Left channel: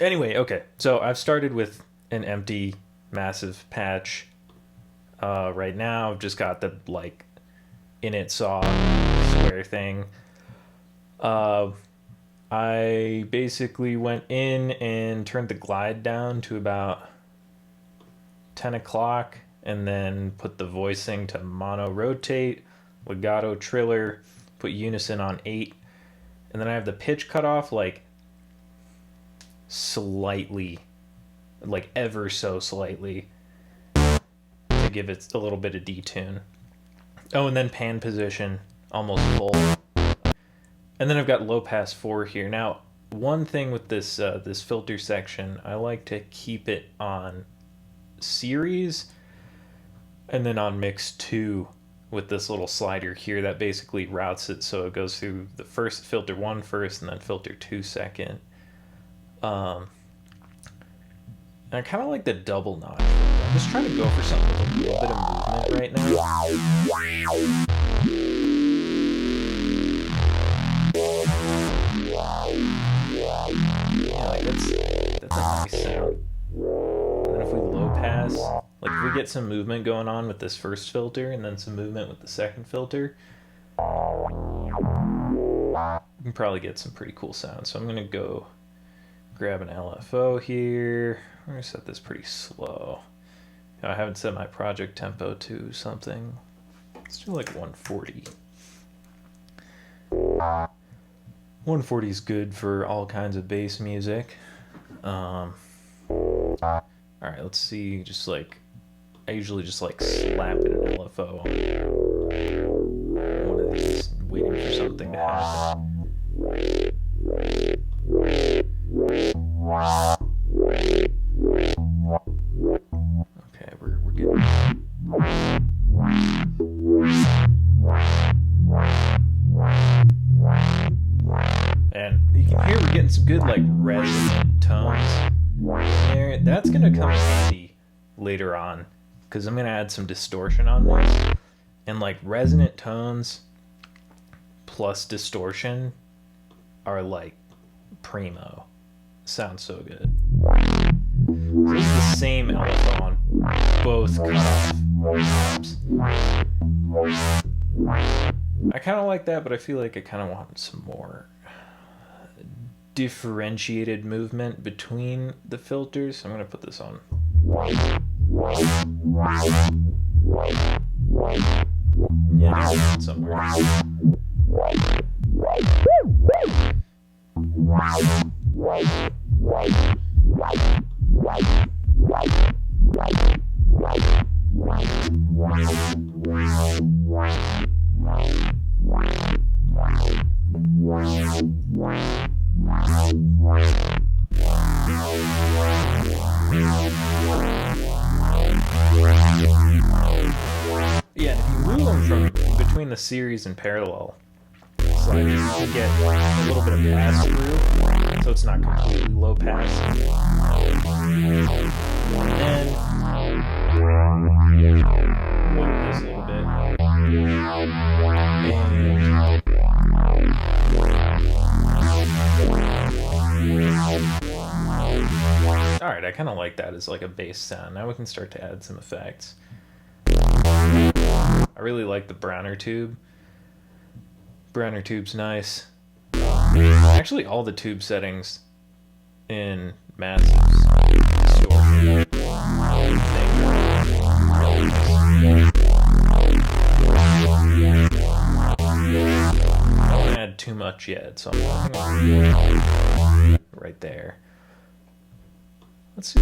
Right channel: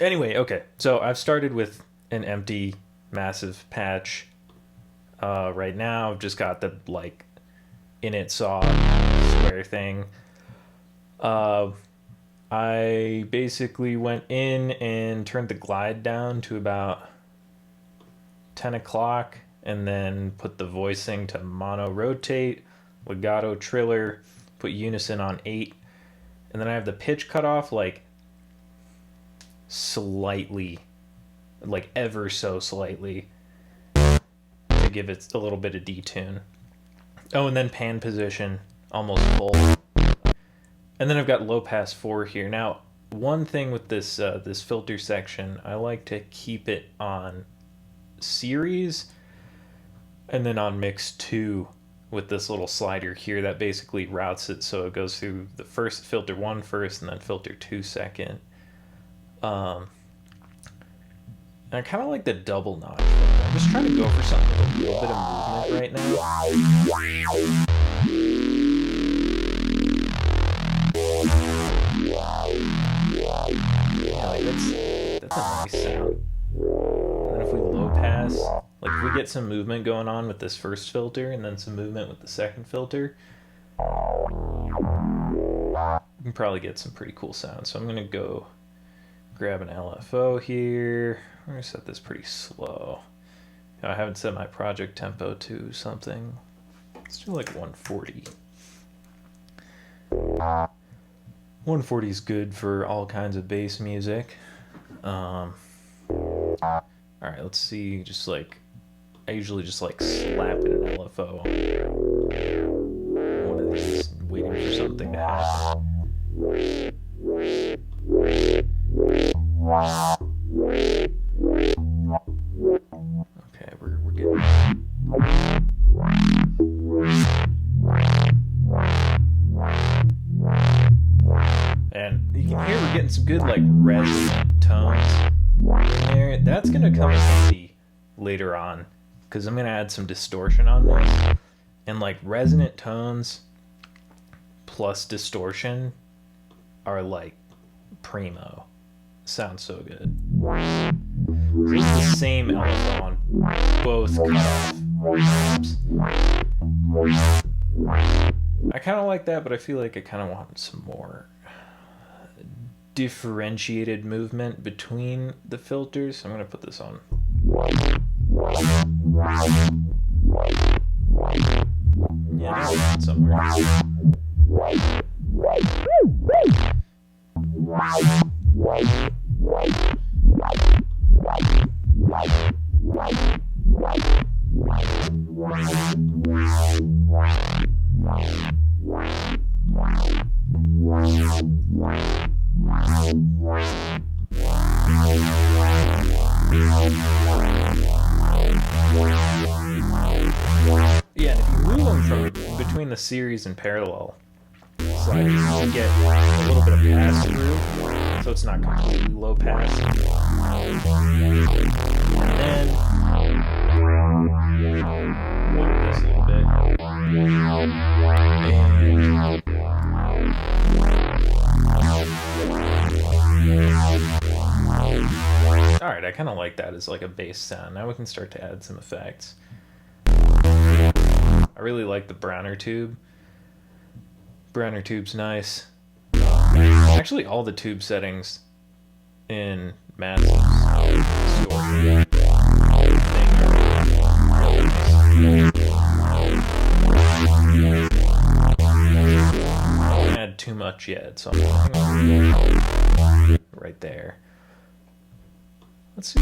Anyway, okay. So I've started with an empty, massive patch. Right now, I've just got the like init saw square thing. I basically went in and turned the glide down to about 10 o'clock and then put the voicing to mono rotate, legato triller, put unison on 8, and then I have the pitch cut off like slightly, like ever so slightly, to give it a little bit of detune. Oh, and then pan position almost full. And then I've got low pass 4 here. Now, one thing with this this filter section, I like to keep it on series and then on mix 2 with this little slider here that basically routes it so it goes through the first filter 1 first and then filter 2 second. And I kind of like the double notch. I'm just trying to go for something with a little bit of movement right now. Yeah, like that's a nice sound. And then if we low pass, like if we get some movement going on with this first filter and then some movement with the second filter, we can probably get some pretty cool sounds. So I'm gonna go grab an LFO here. I'm gonna set this pretty slow. I haven't set my project tempo to something. Let's do like 140. 140 is good for all kinds of bass music. All right, let's see. Just like I usually just like slap in an LFO on one of these, waiting for something to happen. Okay, we're getting. And you can hear we're getting some good like resonant tones in there. That's gonna come in handy later on because I'm gonna add some distortion on this. And like resonant tones plus distortion are like primo. Sounds so good. So this is the same LFO on both cutoff. I kind of like that, but I feel like I kind of want some more differentiated movement between the filters. So I'm going to put this on. Yeah, somewhere. Yeah, and if you move them from between the series and parallel sliders, you can get a little bit of pass through, so it's not completely low pass. And then lower this a little bit. Alright, I kind of like that as like a bass sound. Now we can start to add some effects. I really like the Browner tube. Browner tube's nice. Actually, all the tube settings in Massive's distortion thing are really nice. I don't want to add too much yet, so I'm going right there. Let's see.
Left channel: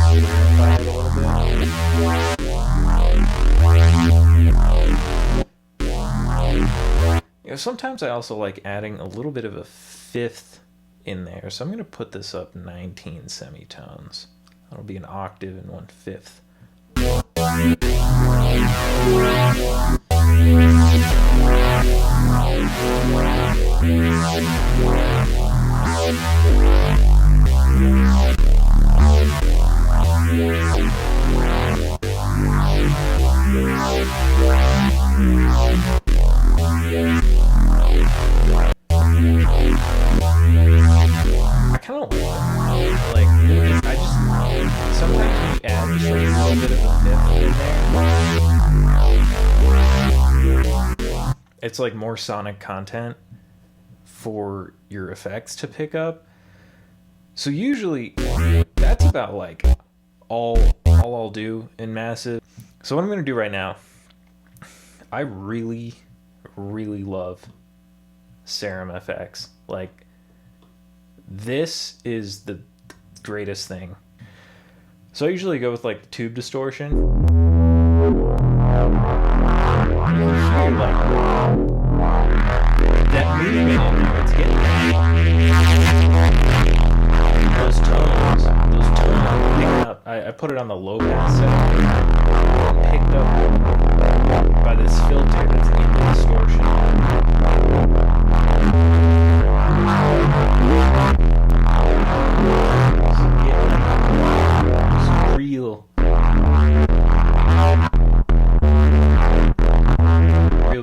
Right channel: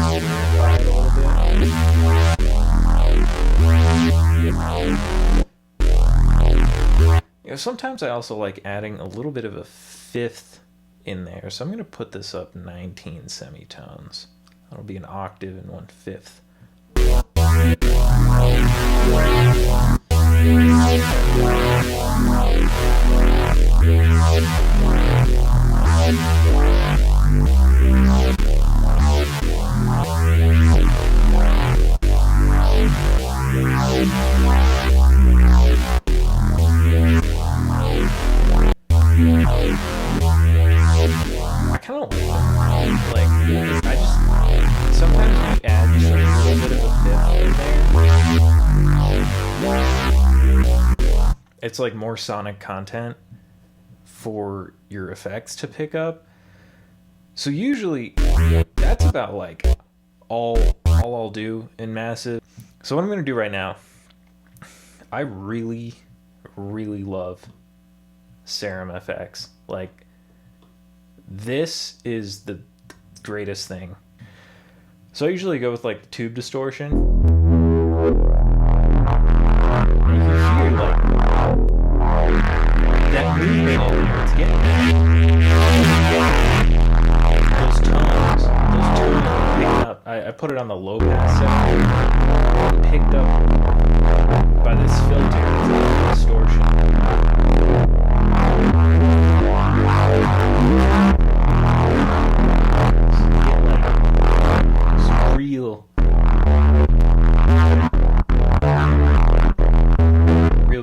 Simplify it a little bit. You know, sometimes I also like adding a little bit of a fifth in there, so I'm going to put this up 19 semitones. That'll be an octave and 1/5. it's like more sonic content for your effects to pick up. So usually that's about like all I'll do in Massive. So what I'm going to do right now, I really love Serum FX. Like, this is the greatest thing. So I usually go with like the tube distortion. You can hear like that movement in there. It's getting those tones picked up. I put it on the low pass setting, and picked up by this filter that's in the distortion. So you get like some real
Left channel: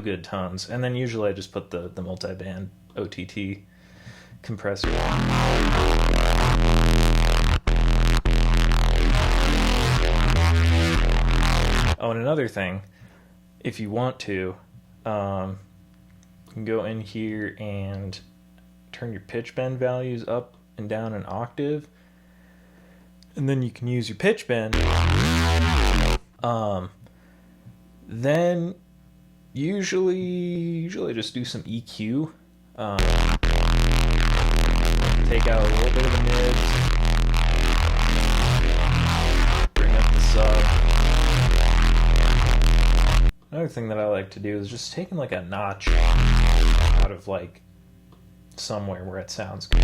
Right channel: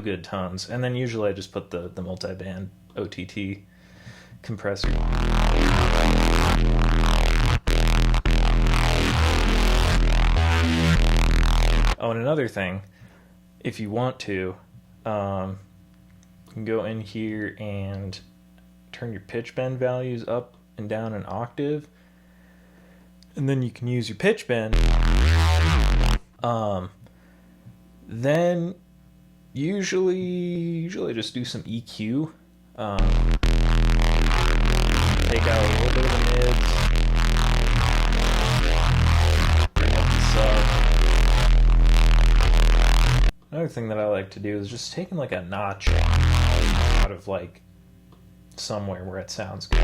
good tones. And then usually I just put the multi-band OTT compressor. Oh, and another thing, if you want to, you can go in here and turn your pitch bend values up and down an octave, and then you can use your pitch bend. Then usually just do some EQ. Take out a little bit of the mids, bring up the sub. Another thing that I like to do is just taking like a notch out of like somewhere where it sounds good.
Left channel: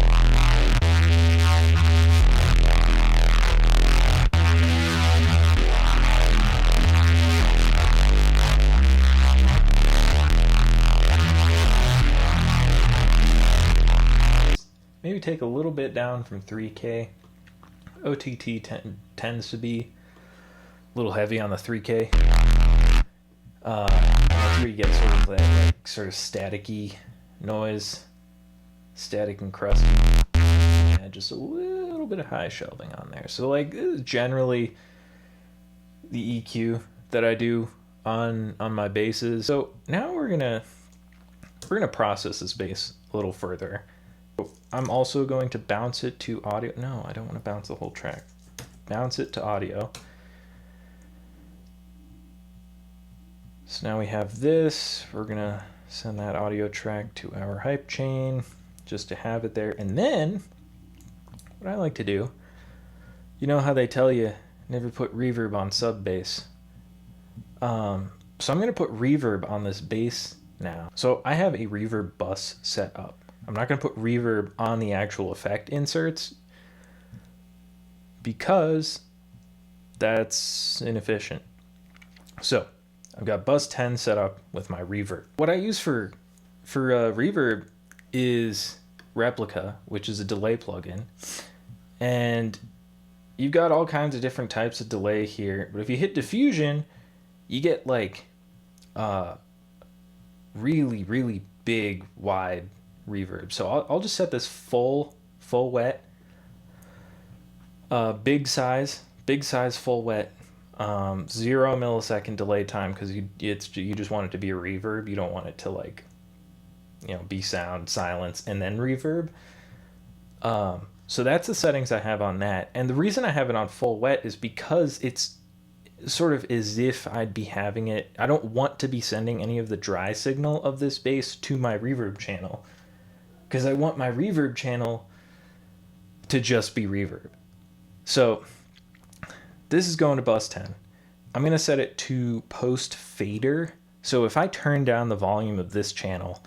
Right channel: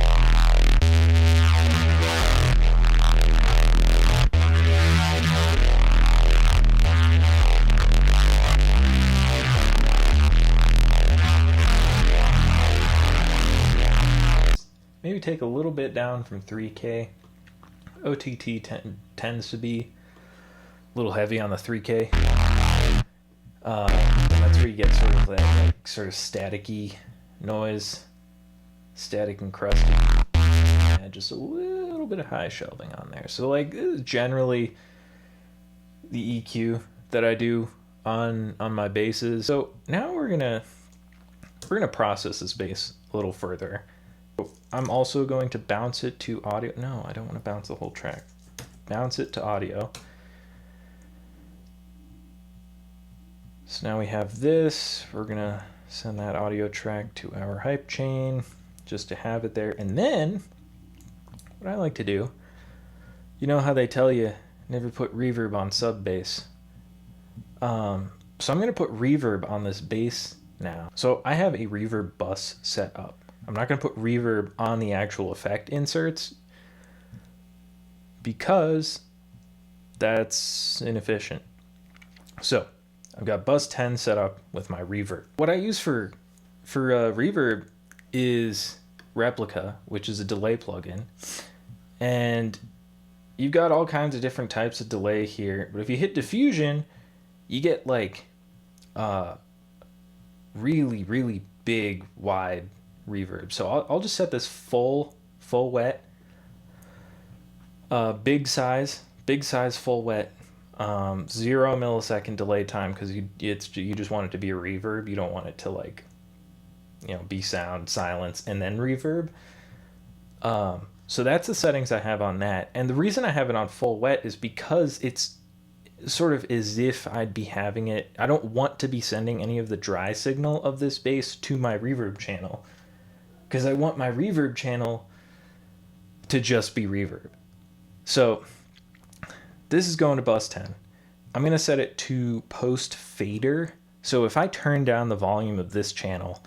Maybe take a little bit down from 3K. OTT tends to be a little heavy on the 3K. And that's where you get sort of that like, sort of staticky noise, static and crusty, and just a little bit of high shelving on there. So like this is generally the EQ that I do on my basses. So now we're gonna process this bass a little further. I'm also going to bounce it to audio. No, I don't want to bounce the whole track. Bounce it to audio. So now we have this. We're gonna send that audio track to our hype chain just to have it there. And then what I like to do, you know how they tell you never put reverb on sub bass. So I'm gonna put reverb on this bass now. So I have a reverb bus set up. I'm not gonna put reverb on the actual effect inserts because that's inefficient. So I've got bus 10 set up with my reverb. What I use for reverb is Replica, which is a delay plugin. And you've got all kinds of different types of delay here. But if you hit diffusion, you get like really big, wide reverb. So I'll just set this full wet, big size full wet, 0 millisecond delay time, because you just want it to be a reverb. You don't want it to like, you know, be sound, silence, and then reverb. So that's the settings I have on that. And the reason I have it on full wet is because it's sort of as if I'd be having it. I don't want to be sending any of the dry signal of this bass to my reverb channel, because I want my reverb channel to just be reverb. So this is going to bus 10. I'm going to set it to post fader. So if I turn down the volume of this channel,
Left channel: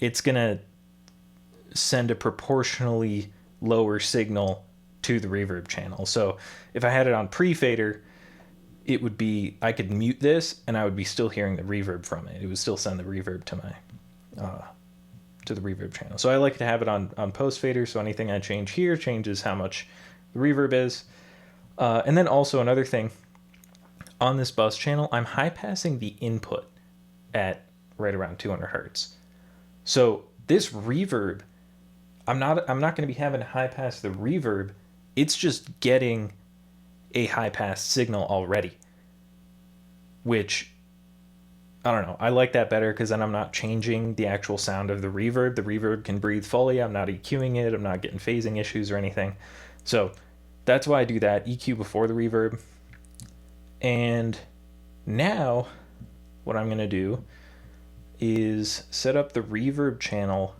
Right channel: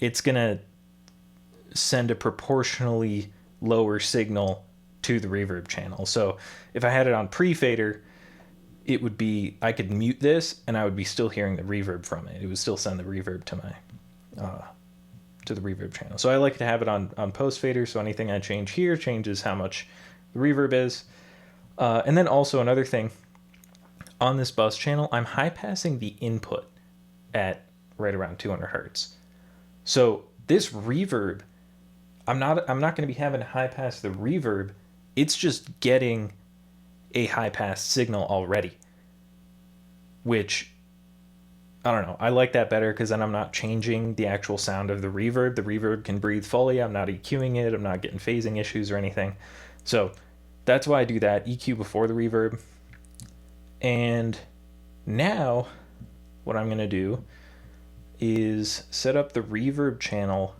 it's going to send a proportionally lower signal to the reverb channel. So if I had it on pre-fader, it would be, I could mute this and I would be still hearing the reverb from it. It would still send the reverb to my to the reverb channel. So I like to have it on post fader, so anything I change here changes how much the reverb is. And then also another thing, on this bus channel, I'm high passing the input at right around 200 hertz. So this reverb, I'm not going to be having to high pass the reverb. It's just getting a high pass signal already, which I don't know. I like that better because then I'm not changing the actual sound of the reverb. The reverb can breathe fully. I'm not EQing it. I'm not getting phasing issues or anything. So that's why I do that. EQ before the reverb. And now what I'm going to do is set up the reverb channel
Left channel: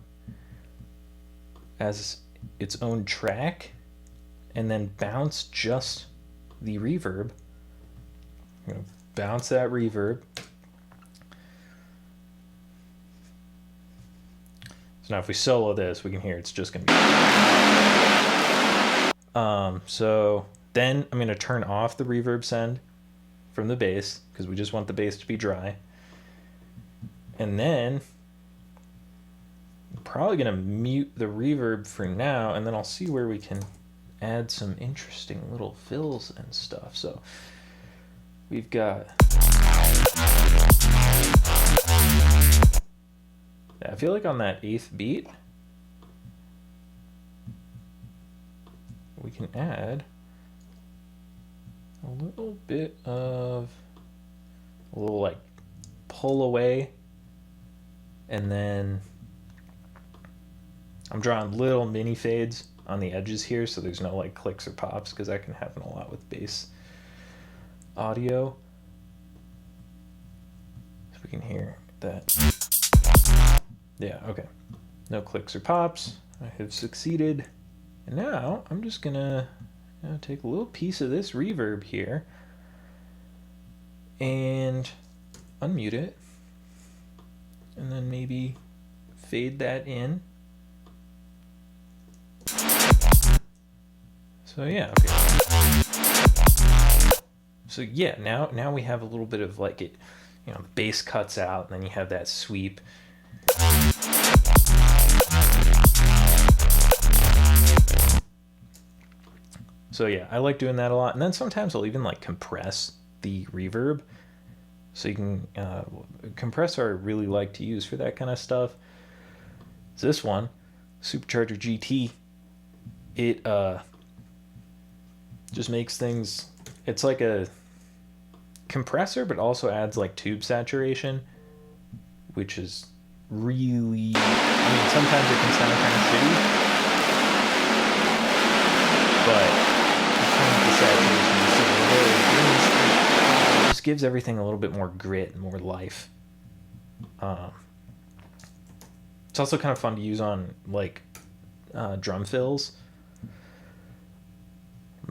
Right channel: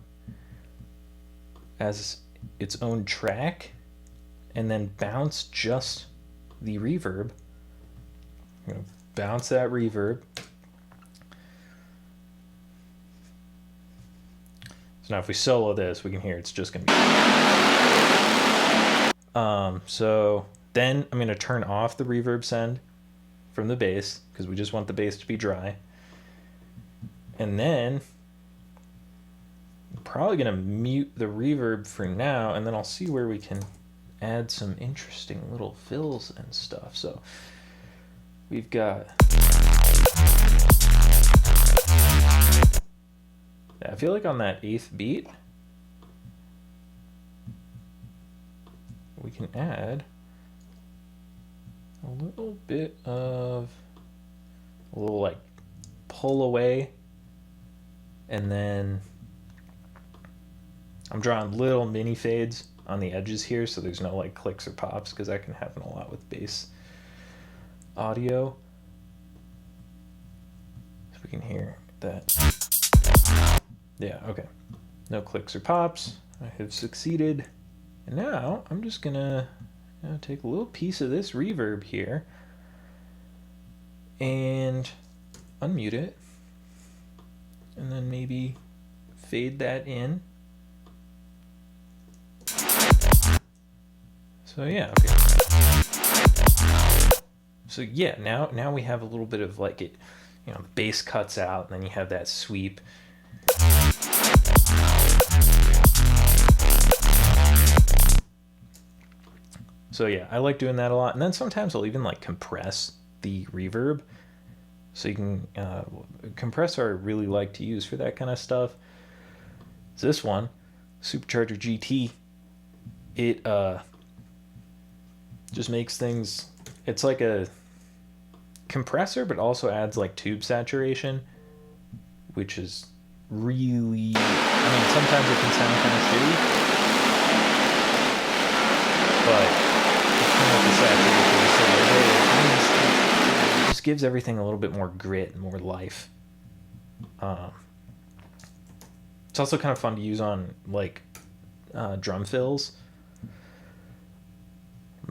as its own track and then bounce just the reverb. I'm going to bounce that reverb. So now if we solo this, we can hear it's just going to be... So then I'm going to turn off the reverb send from the bass because we just want the bass to be dry. And then I'm probably going to mute the reverb for now, and then I'll see where we can add some interesting little fills and stuff. So we've got... I feel like on that 8th beat, we can add a little bit of a little like pull away, and then I'm drawing little mini fades on the edges here so there's no like clicks or pops, because that can happen a lot with bass audio. So we can hear that. Yeah, okay. No clicks or pops. I have succeeded. And now I'm just gonna take a little piece of this reverb here and unmute it, and then maybe fade that in. So yeah, okay. So yeah, now we have a little bit of like it, you know, the bass cuts out and then you have that sweep. So yeah, I like doing that a lot. And then sometimes I'll even like compress the reverb. So you can, compressor I really like to use for that kind of stuff. It's this one, Supercharger GT. It just makes things, it's like a compressor, but also adds like tube saturation, which is really, I mean, sometimes it can sound kind of shitty, but turn up the saturation just a little bit, it just gives everything a little bit more grit and more life. It's also kind of fun to use on like drum fills,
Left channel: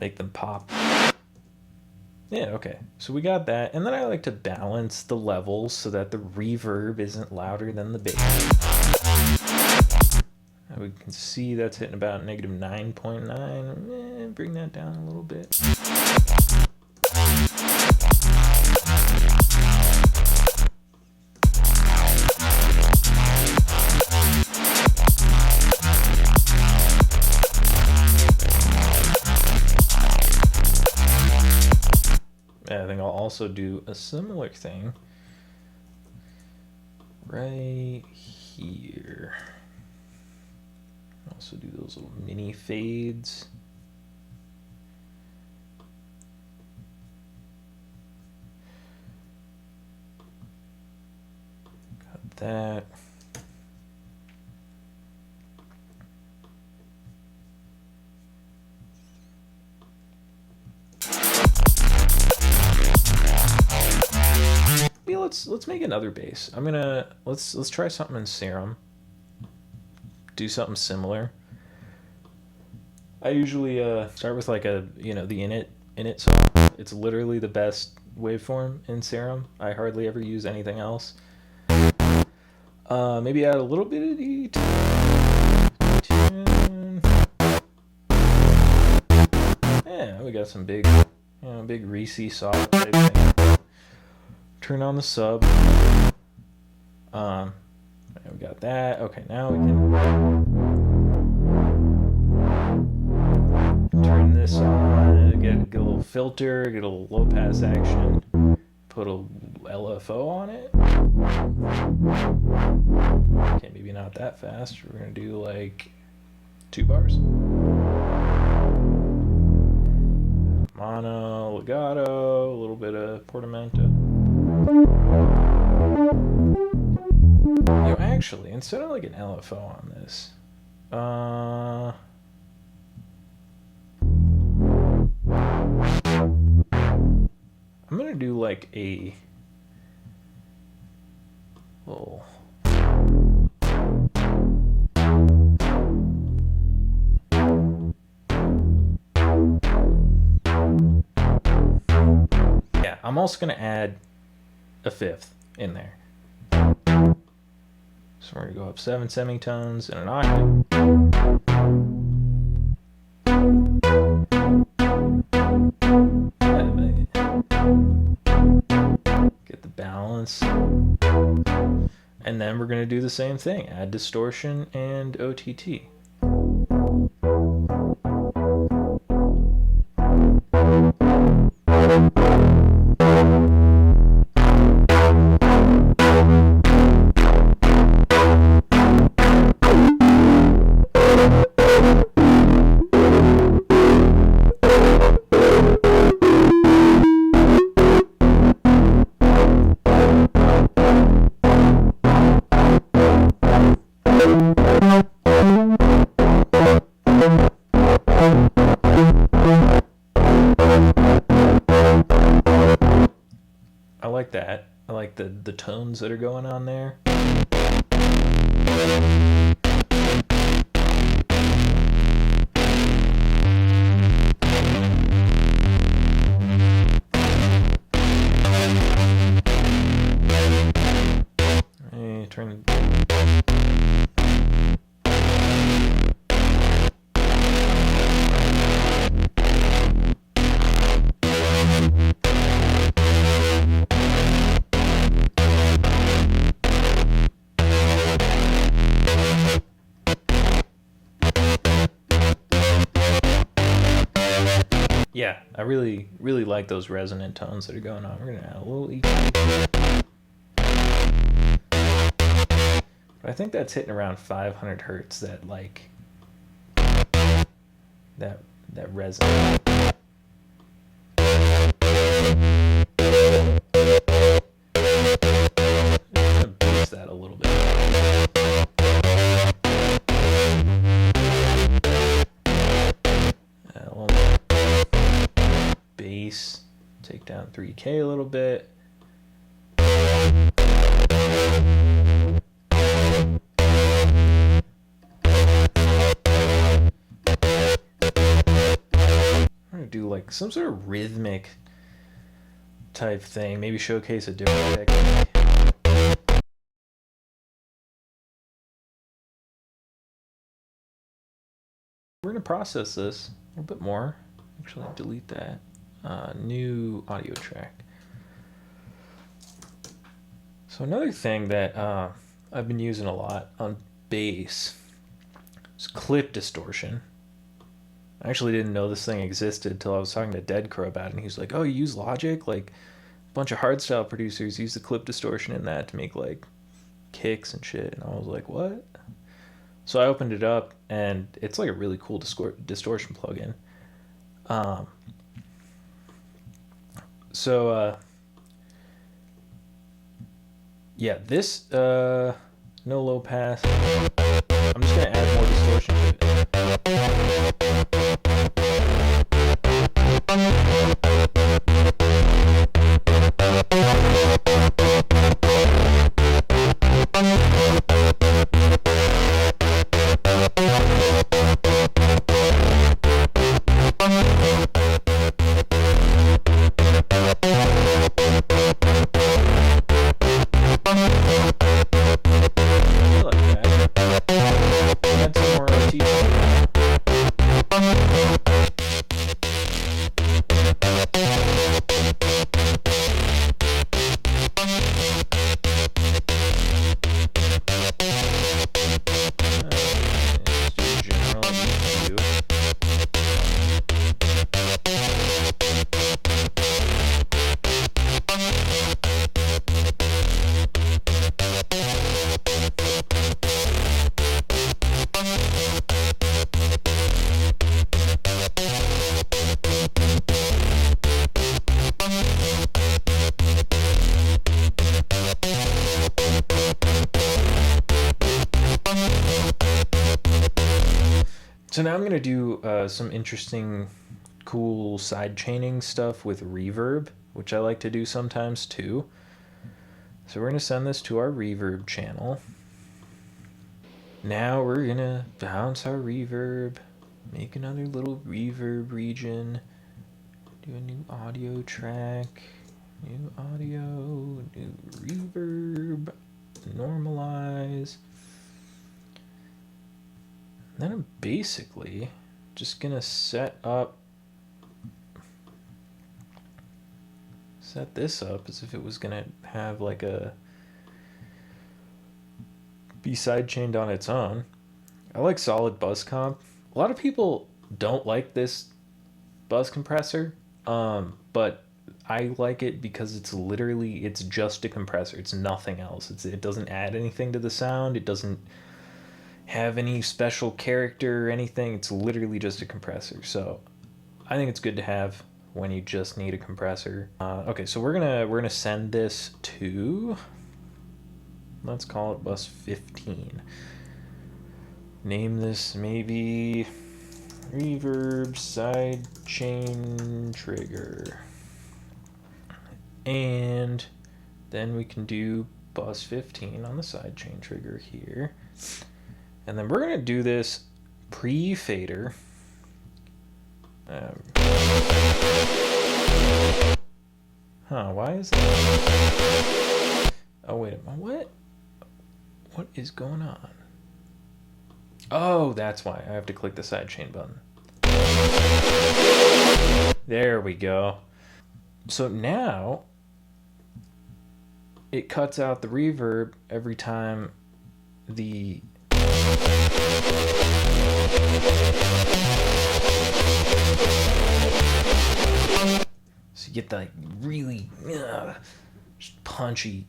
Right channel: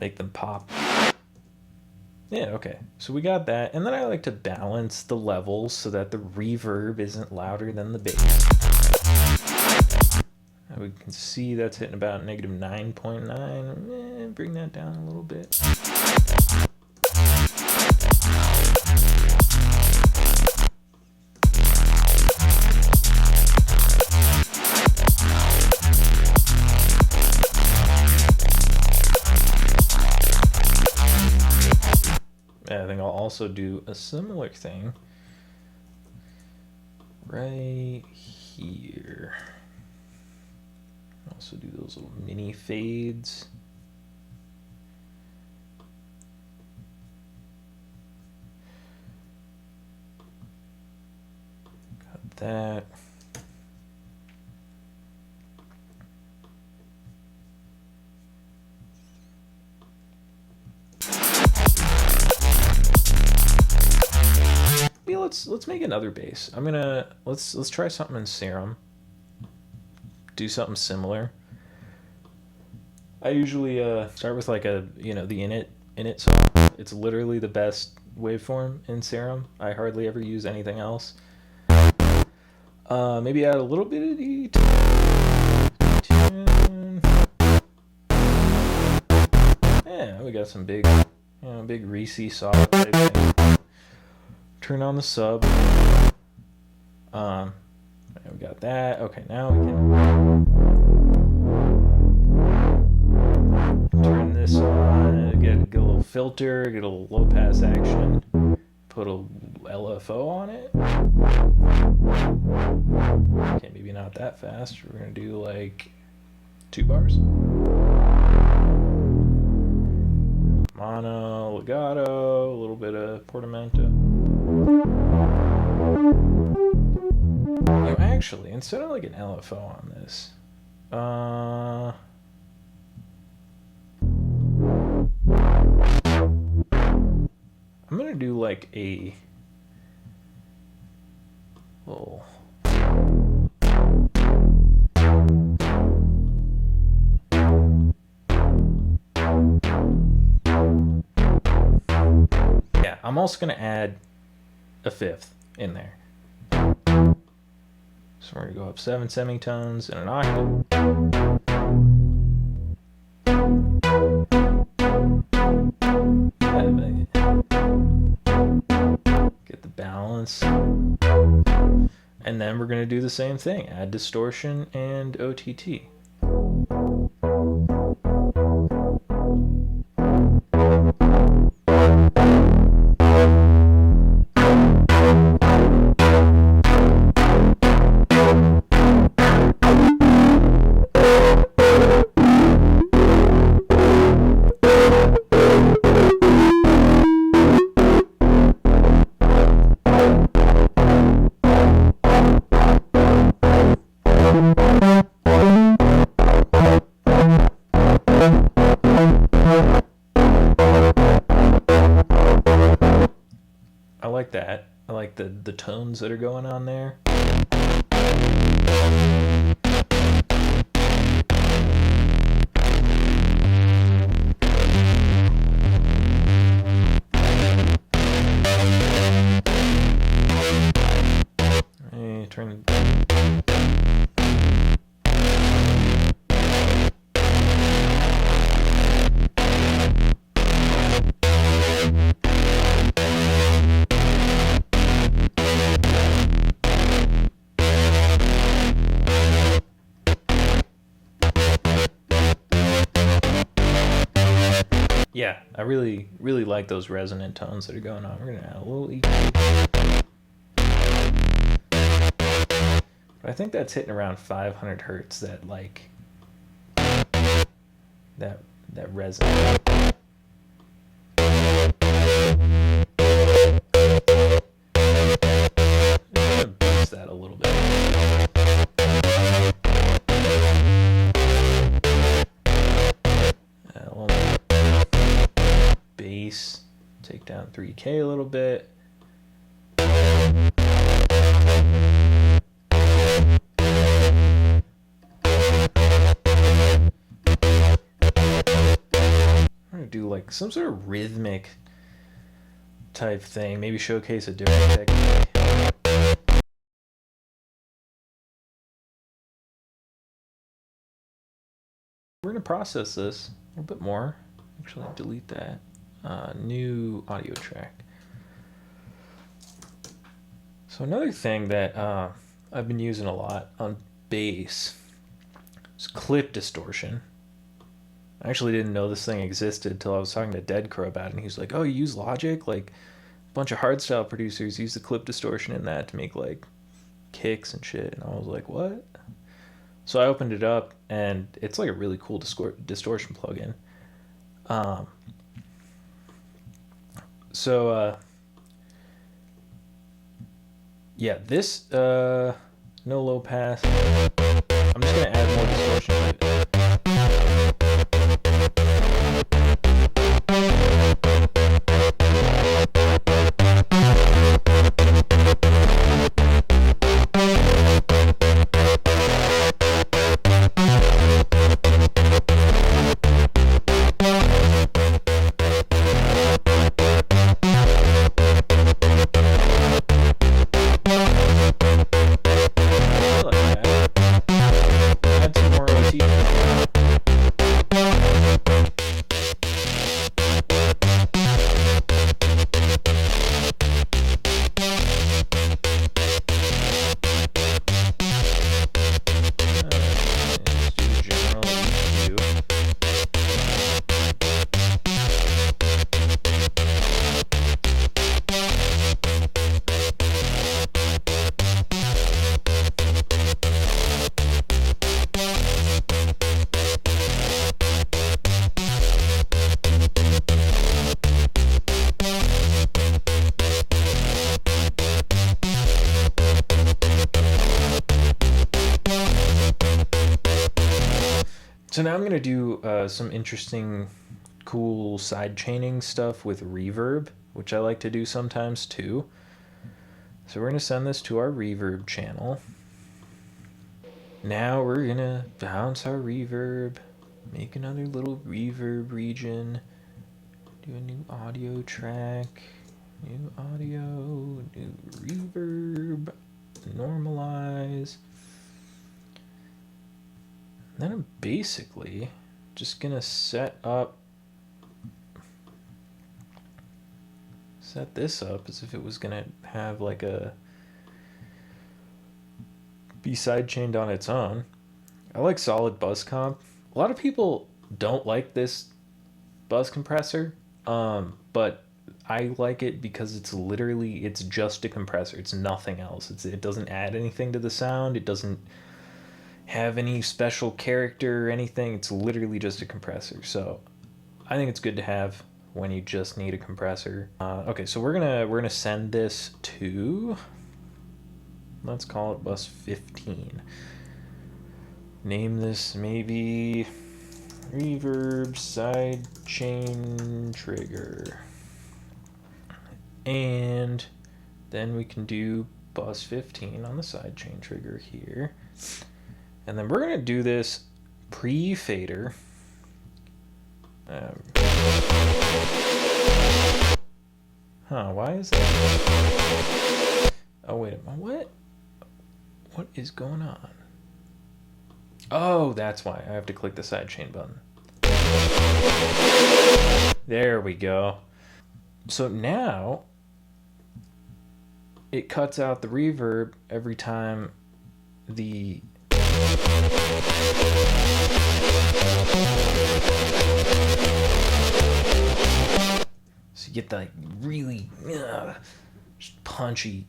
make them pop. Yeah, okay, so we got that, and then I like to balance the levels so that the reverb isn't louder than the bass. We can see that's hitting about negative 9.9. Bring that down a little bit. I think I'll also do a similar thing right here. Also do those little mini fades. Got that. Yeah, let's make another bass. I'm gonna let's try something in Serum. Do something similar. I usually start with like a, you know, the init song. It's literally the best waveform in Serum. I hardly ever use anything else. Maybe add a little bit of detune. Yeah, we got some big, you know, big reese solid type thing. Turn on the sub. We got that. Okay, now we can turn this on, get a little filter, get a little low pass action, put a LFO on it. Okay, maybe not that fast. We're gonna do like 2 bars. Mono, legato, a little bit of portamento. You know, actually, instead of like an LFO on this, I'm gonna do like a little. Yeah, I'm also gonna add a fifth in there. So we're gonna go up 7 semitones and an octave. Get the balance. And then we're gonna do the same thing, add distortion and OTT. I like that. I like the tones that are going on there. Hey, turn. Yeah, I really like those resonant tones that are going on. We're gonna add a little EQ. But I think that's hitting around 500 hertz. That like that resonant. I'm gonna boost that a little bit. Bass, take down 3K a little bit. I'm gonna do like some sort of rhythmic type thing, maybe showcase a different technique. We're gonna process this a little bit more. Actually, delete that. New audio track. So another thing that I've been using a lot on bass is clip distortion. I actually didn't know this thing existed until I was talking to Dead Crow about it, and he was like, "Oh, you use Logic? Like a bunch of hardstyle producers use the clip distortion in that to make like kicks and shit." And I was like, "What?" So I opened it up, and it's like a really cool distortion plugin. Yeah, this no low pass. I'm just gonna add more distortion to it. So now I'm going to do some interesting, cool sidechaining stuff with reverb, which I like to do sometimes too. So we're going to send this to our reverb channel. Now we're going to bounce our reverb, make another little reverb region, do a new audio track, new audio, new reverb, normalize. Then I'm basically just gonna set this up as if it was gonna have like be sidechained on its own. I like solid bus comp. A lot of people don't like this bus compressor, but I like it because it's just a compressor. It's nothing else. It doesn't add anything to the sound. It doesn't have any special character or anything. It's literally just a compressor. So I think it's good to have when you just need a compressor. Okay, so we're gonna send this to, let's call it bus 15. Name this maybe reverb sidechain trigger, and then we can do bus 15 on the sidechain trigger here. And then we're going to do this pre-fader. Why is that? Oh, wait a minute. What is going on? Oh, that's why. I have to click the sidechain button. There we go. So now it cuts out the reverb every time the so you get that really punchy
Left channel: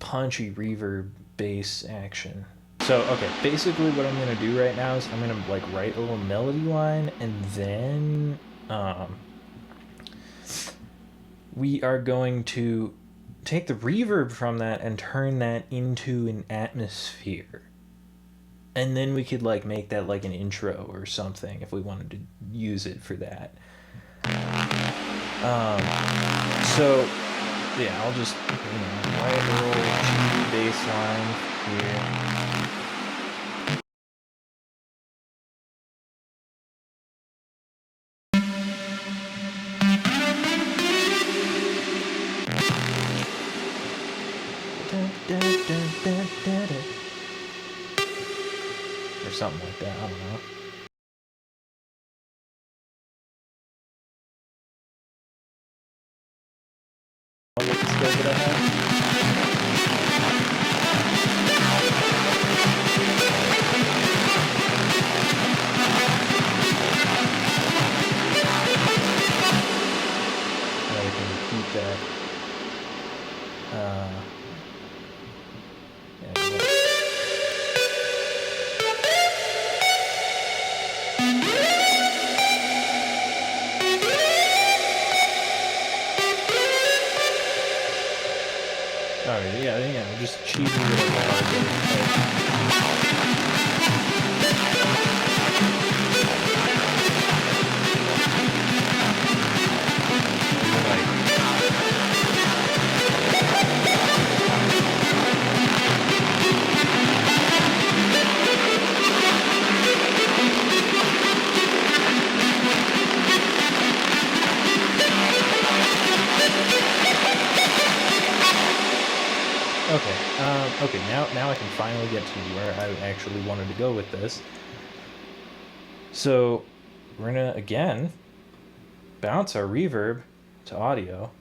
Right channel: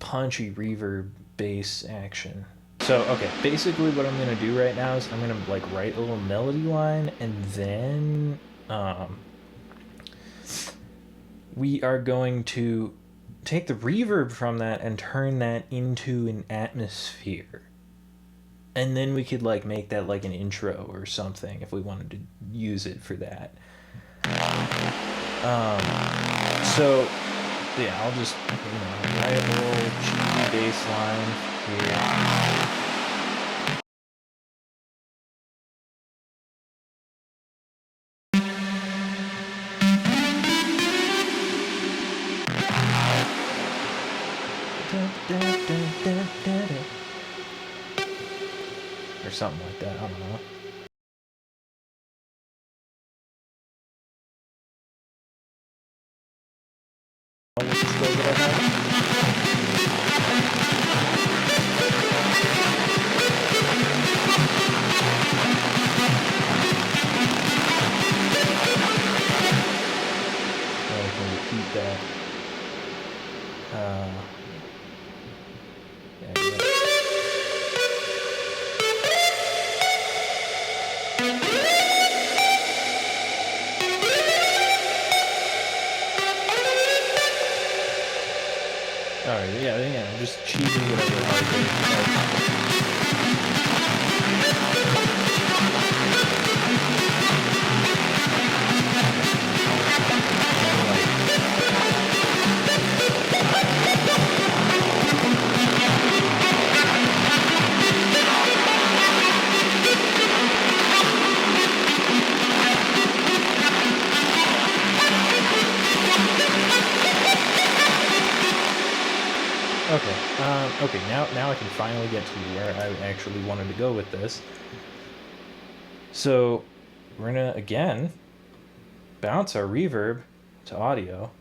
reverb bass action. So okay, basically what I'm gonna do right now is I'm gonna like write a little melody line, and then we are going to take the reverb from that and turn that into an atmosphere. And then we could like make that like an intro or something if we wanted to use it for that. So yeah, I'll just, write a little cheesy bass line here. Or something like that, I don't know. With the skills that I have. Now we can repeat that. Yeah. Alright, yeah, just cheesy whatever hard. Okay, now I can finally get to where I actually wanted to go with this. So we're gonna again bounce our reverb to audio.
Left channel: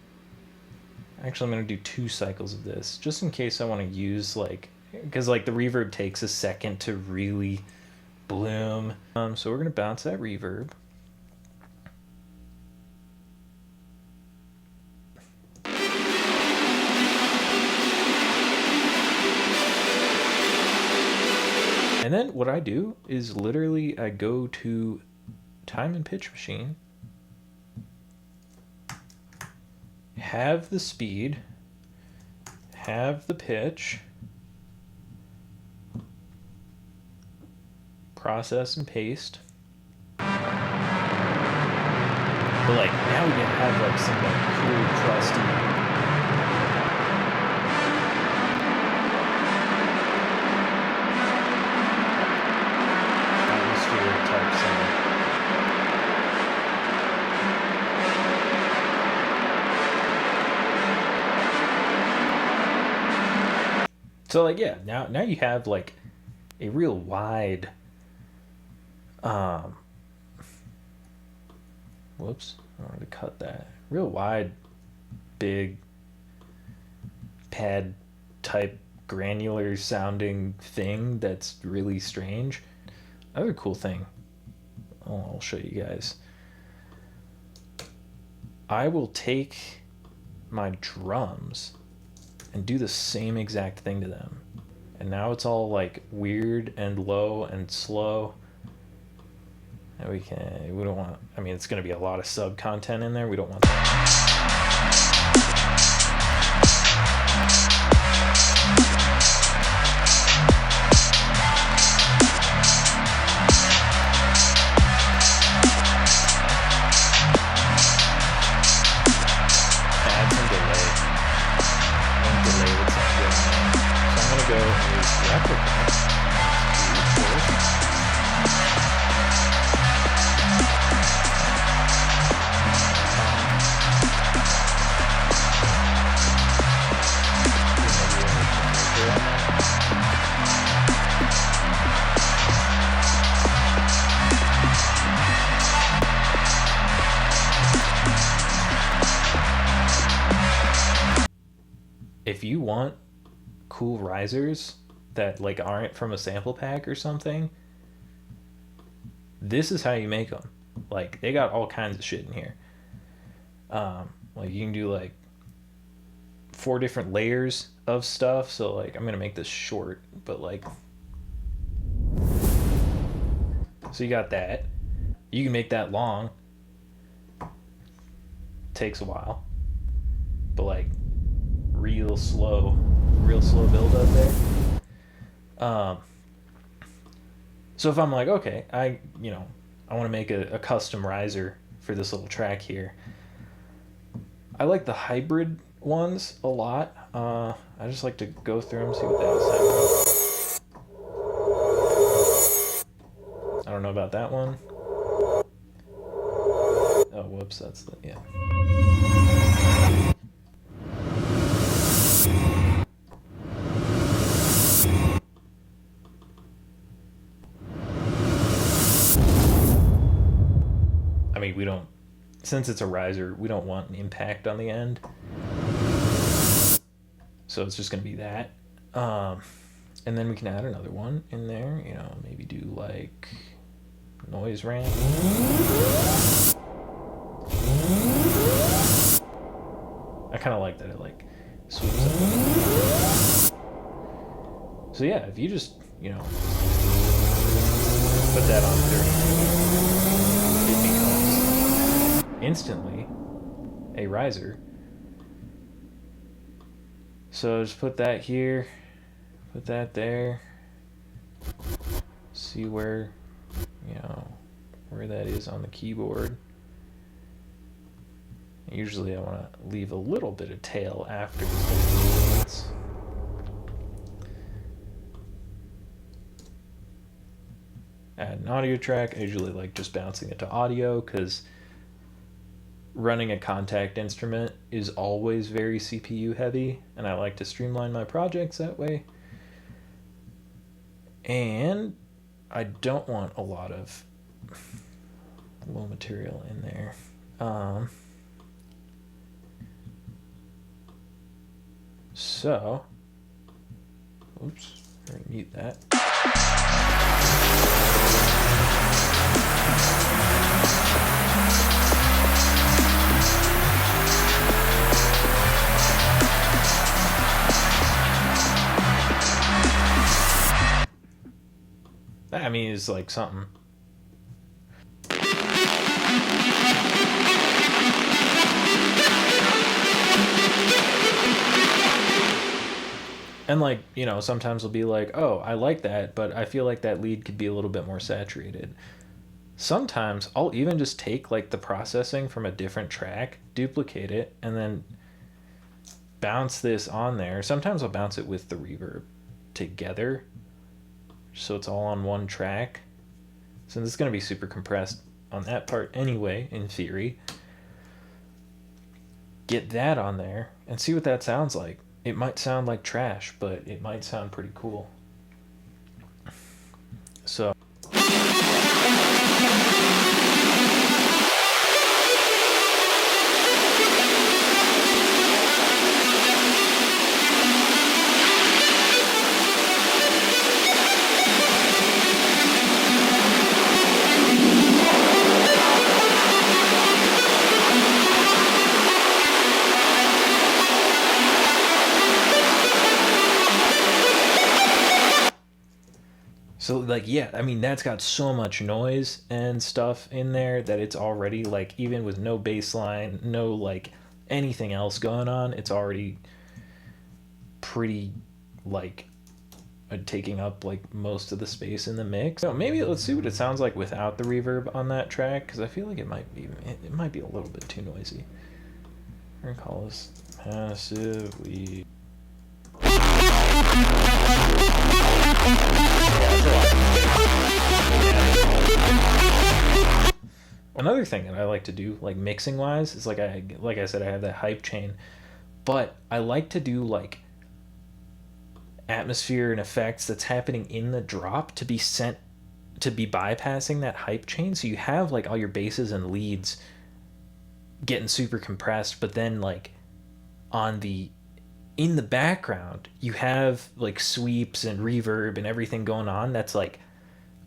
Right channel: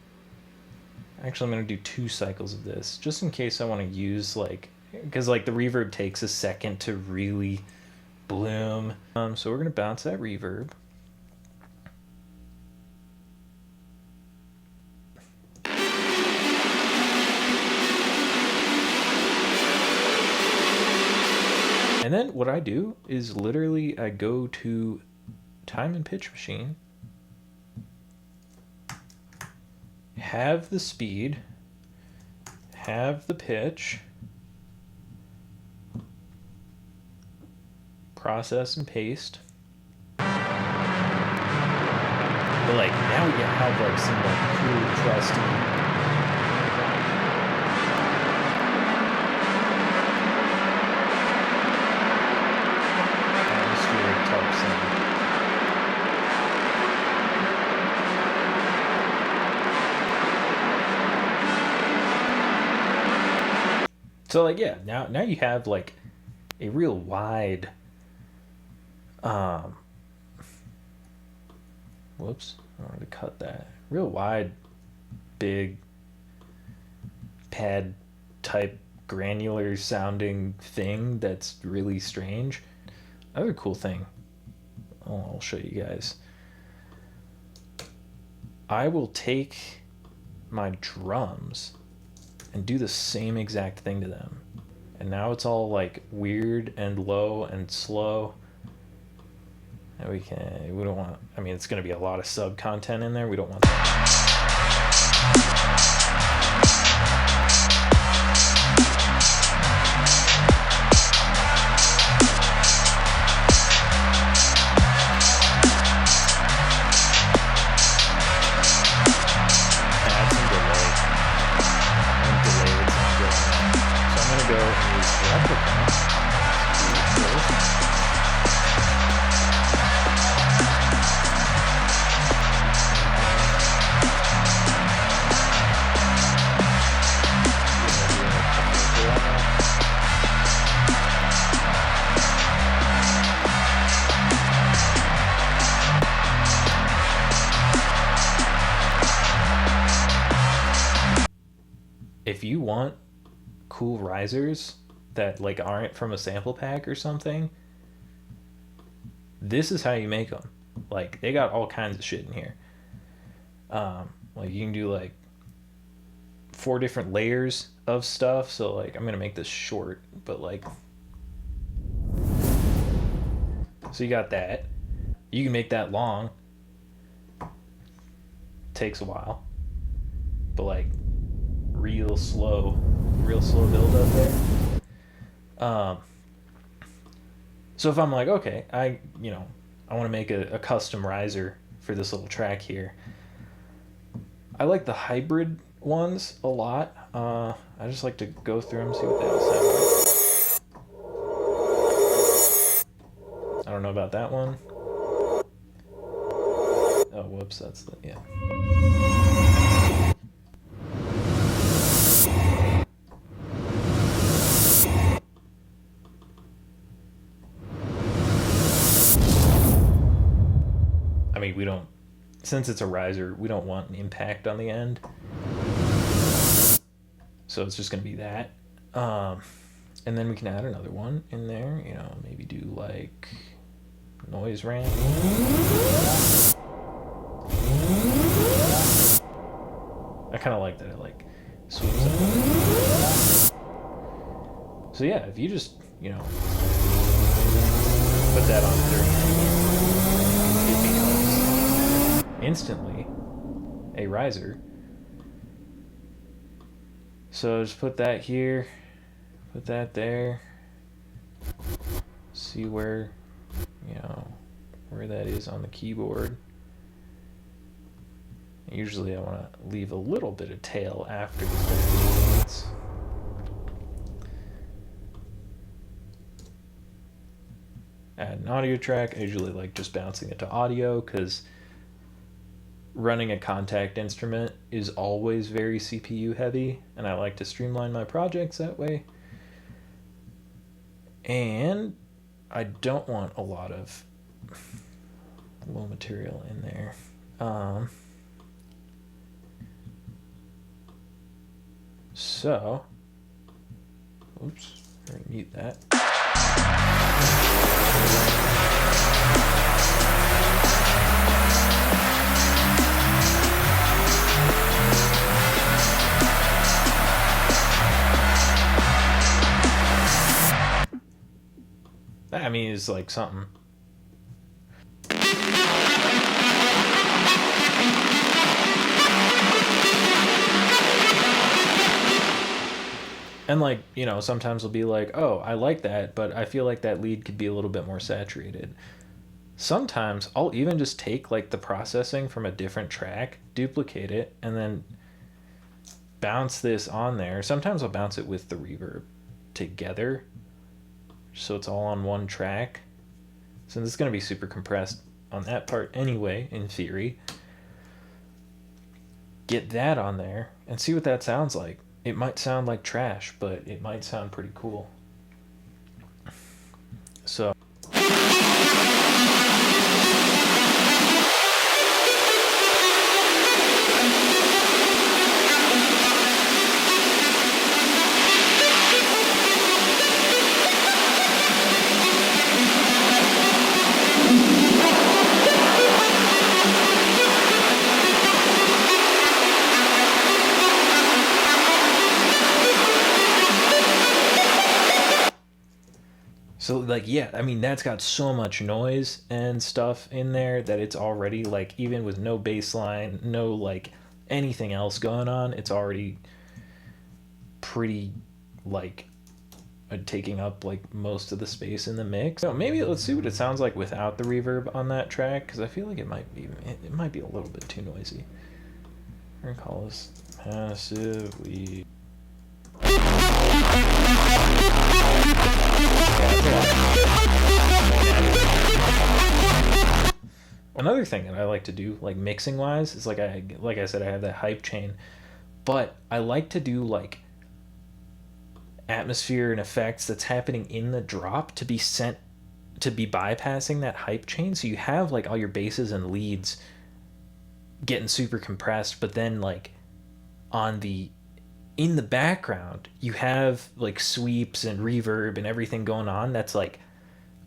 Actually, I'm gonna do 2 cycles of this just in case I want to use because the reverb takes a second to really bloom. So we're gonna bounce that reverb. And then what I do is literally I go to time and pitch machine, have the speed, have the pitch, process and paste. But like now you have like some like cool crusty atmospheric type sound. So like yeah, now you have like a real wide whoops, I wanted to cut that. Real wide, big pad type granular sounding thing that's really strange. Another cool thing, I'll show you guys. I will take my drums and do the same exact thing to them. And now it's all like weird and low and slow. And we don't want, I mean, it's going to be a lot of sub content in there. We don't want that. Add some delay. And delay would sound good on that. So I'm going to go and use replica. If you want cool risers that like aren't from a sample pack or something, this is how you make them. Like they got all kinds of shit in here. Like you can do like 4 different layers of stuff. So like I'm gonna make this short, but like, so you got that. You can make that long. Takes a while, but like real slow build up there. So if I'm like, okay, I want to make a custom riser for this little track here. I like the hybrid ones a lot. I just like to go through them, see what they all sound like. I don't know about that one. Oh, whoops, that's the, yeah. I mean, we don't, since it's a riser, we don't want an impact on the end. So it's just going to be that. And then we can add another one in there, maybe do like noise ramp. I kind of like that it like swoops up. So yeah, if you just, put that on 30, it becomes instantly a riser. So just put that here, put that there, see where that is on the keyboard. Usually I want to leave a little bit of tail after the 30 minutes. Add an audio track. I usually like just bouncing it to audio because running a contact instrument is always very CPU heavy, and I like to streamline my projects that way. And I don't want a lot of low material in there. So, oops, I'm going to mute that. I mean, it's like something. And like, you know, sometimes I'll be like, oh, I like that, but I feel like that lead could be a little bit more saturated. Sometimes I'll even just take like the processing from a different track, duplicate it, and then bounce this on there. Sometimes I'll bounce it with the reverb together, so it's all on one track. So this is going to be super compressed on that part anyway, in theory. Get that on there and see what that sounds like. It might sound like trash, but it might sound pretty cool. So So like, yeah, I mean, that's got so much noise and stuff in there that it's already like, even with no bass line, no like anything else going on, it's already pretty like taking up like most of the space in the mix. So maybe let's see what it sounds like without the reverb on that track, because I feel like it might be a little bit too noisy. We're gonna call this passively. Yeah, it's a lot. Another thing that I like to do, like mixing wise, is like I said, I have that hype chain, but I like to do like atmosphere and effects that's happening in the drop to be sent to be bypassing that hype chain, so you have like all your basses and leads getting super compressed, but then like in the background you have like sweeps and reverb and everything going on that's like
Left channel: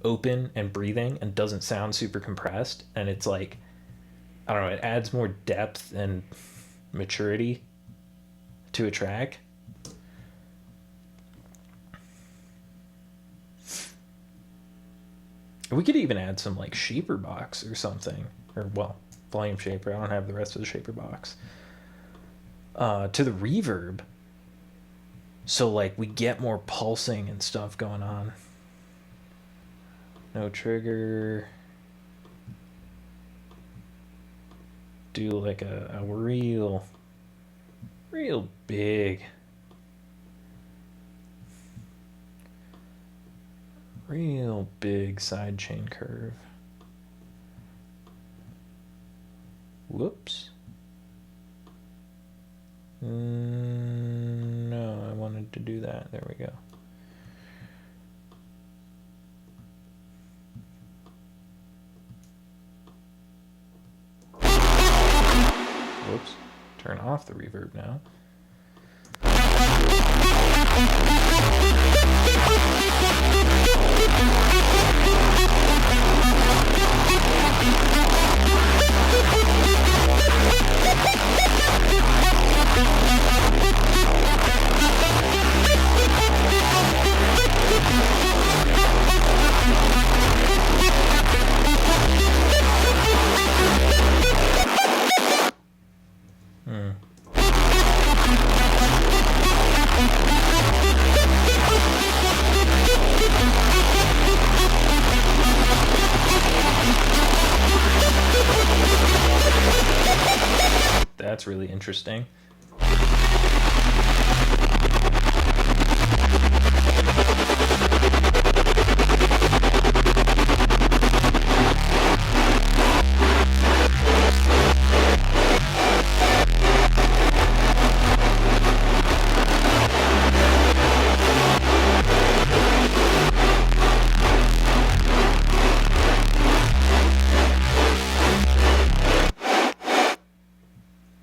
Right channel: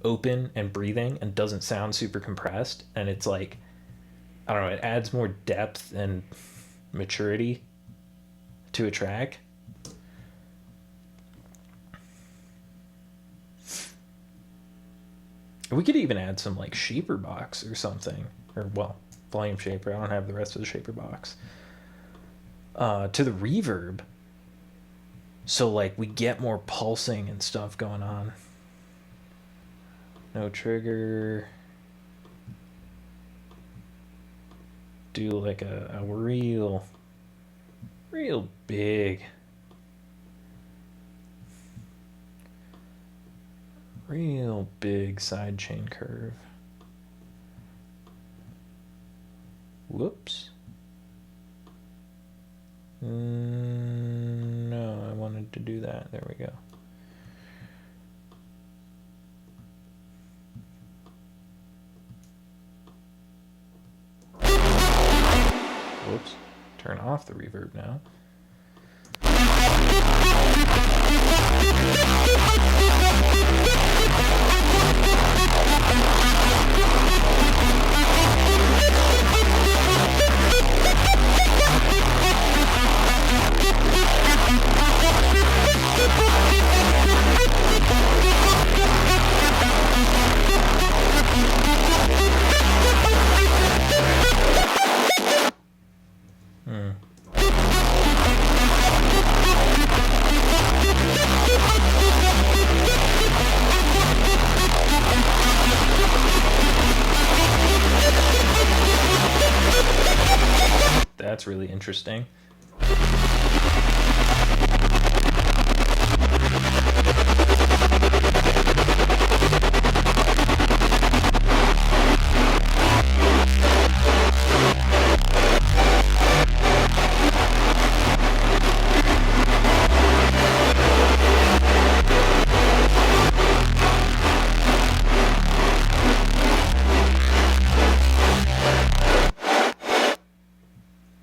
open and breathing and doesn't sound super compressed, and it's like, I don't know, it adds more depth and maturity to a track. We could even add some like shaper box or something, or well, volume shaper. I don't have the rest of the shaper box. To the reverb, so like we get more pulsing and stuff going on. No trigger. Do like a real big, sidechain curve. Whoops. No, I wanted to do that. There we go. Whoops. Turn off the reverb now. That's really interesting.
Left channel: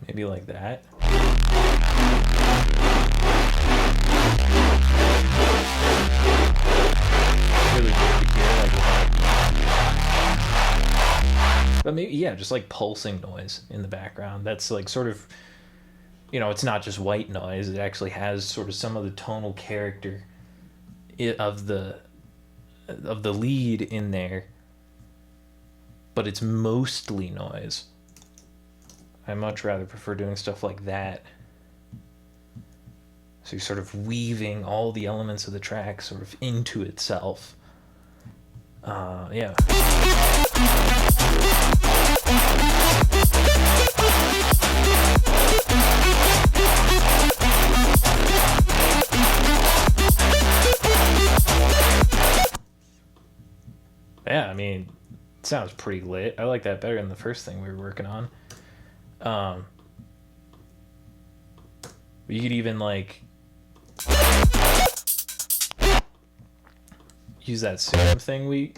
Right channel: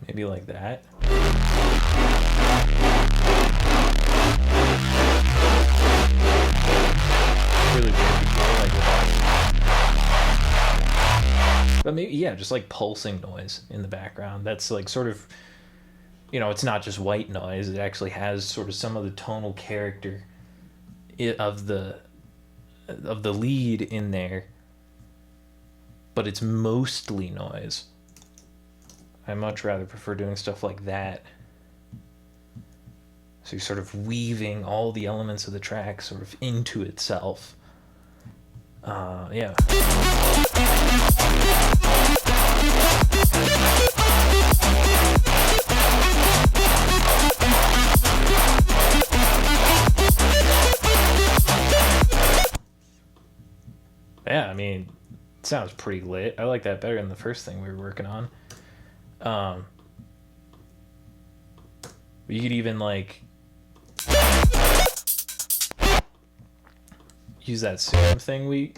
Maybe like that. Really weird to hear, like without. But maybe, yeah, just like pulsing noise in the background. That's like sort of, you know, it's not just white noise. It actually has sort of some of the tonal character of the lead in there, but it's mostly noise. I much rather prefer doing stuff like that. So you're sort of weaving all the elements of the track sort of into itself. Yeah. Yeah, I mean, it sounds pretty lit. I like that better than the first thing we were working on. You could even like use that Serum thing we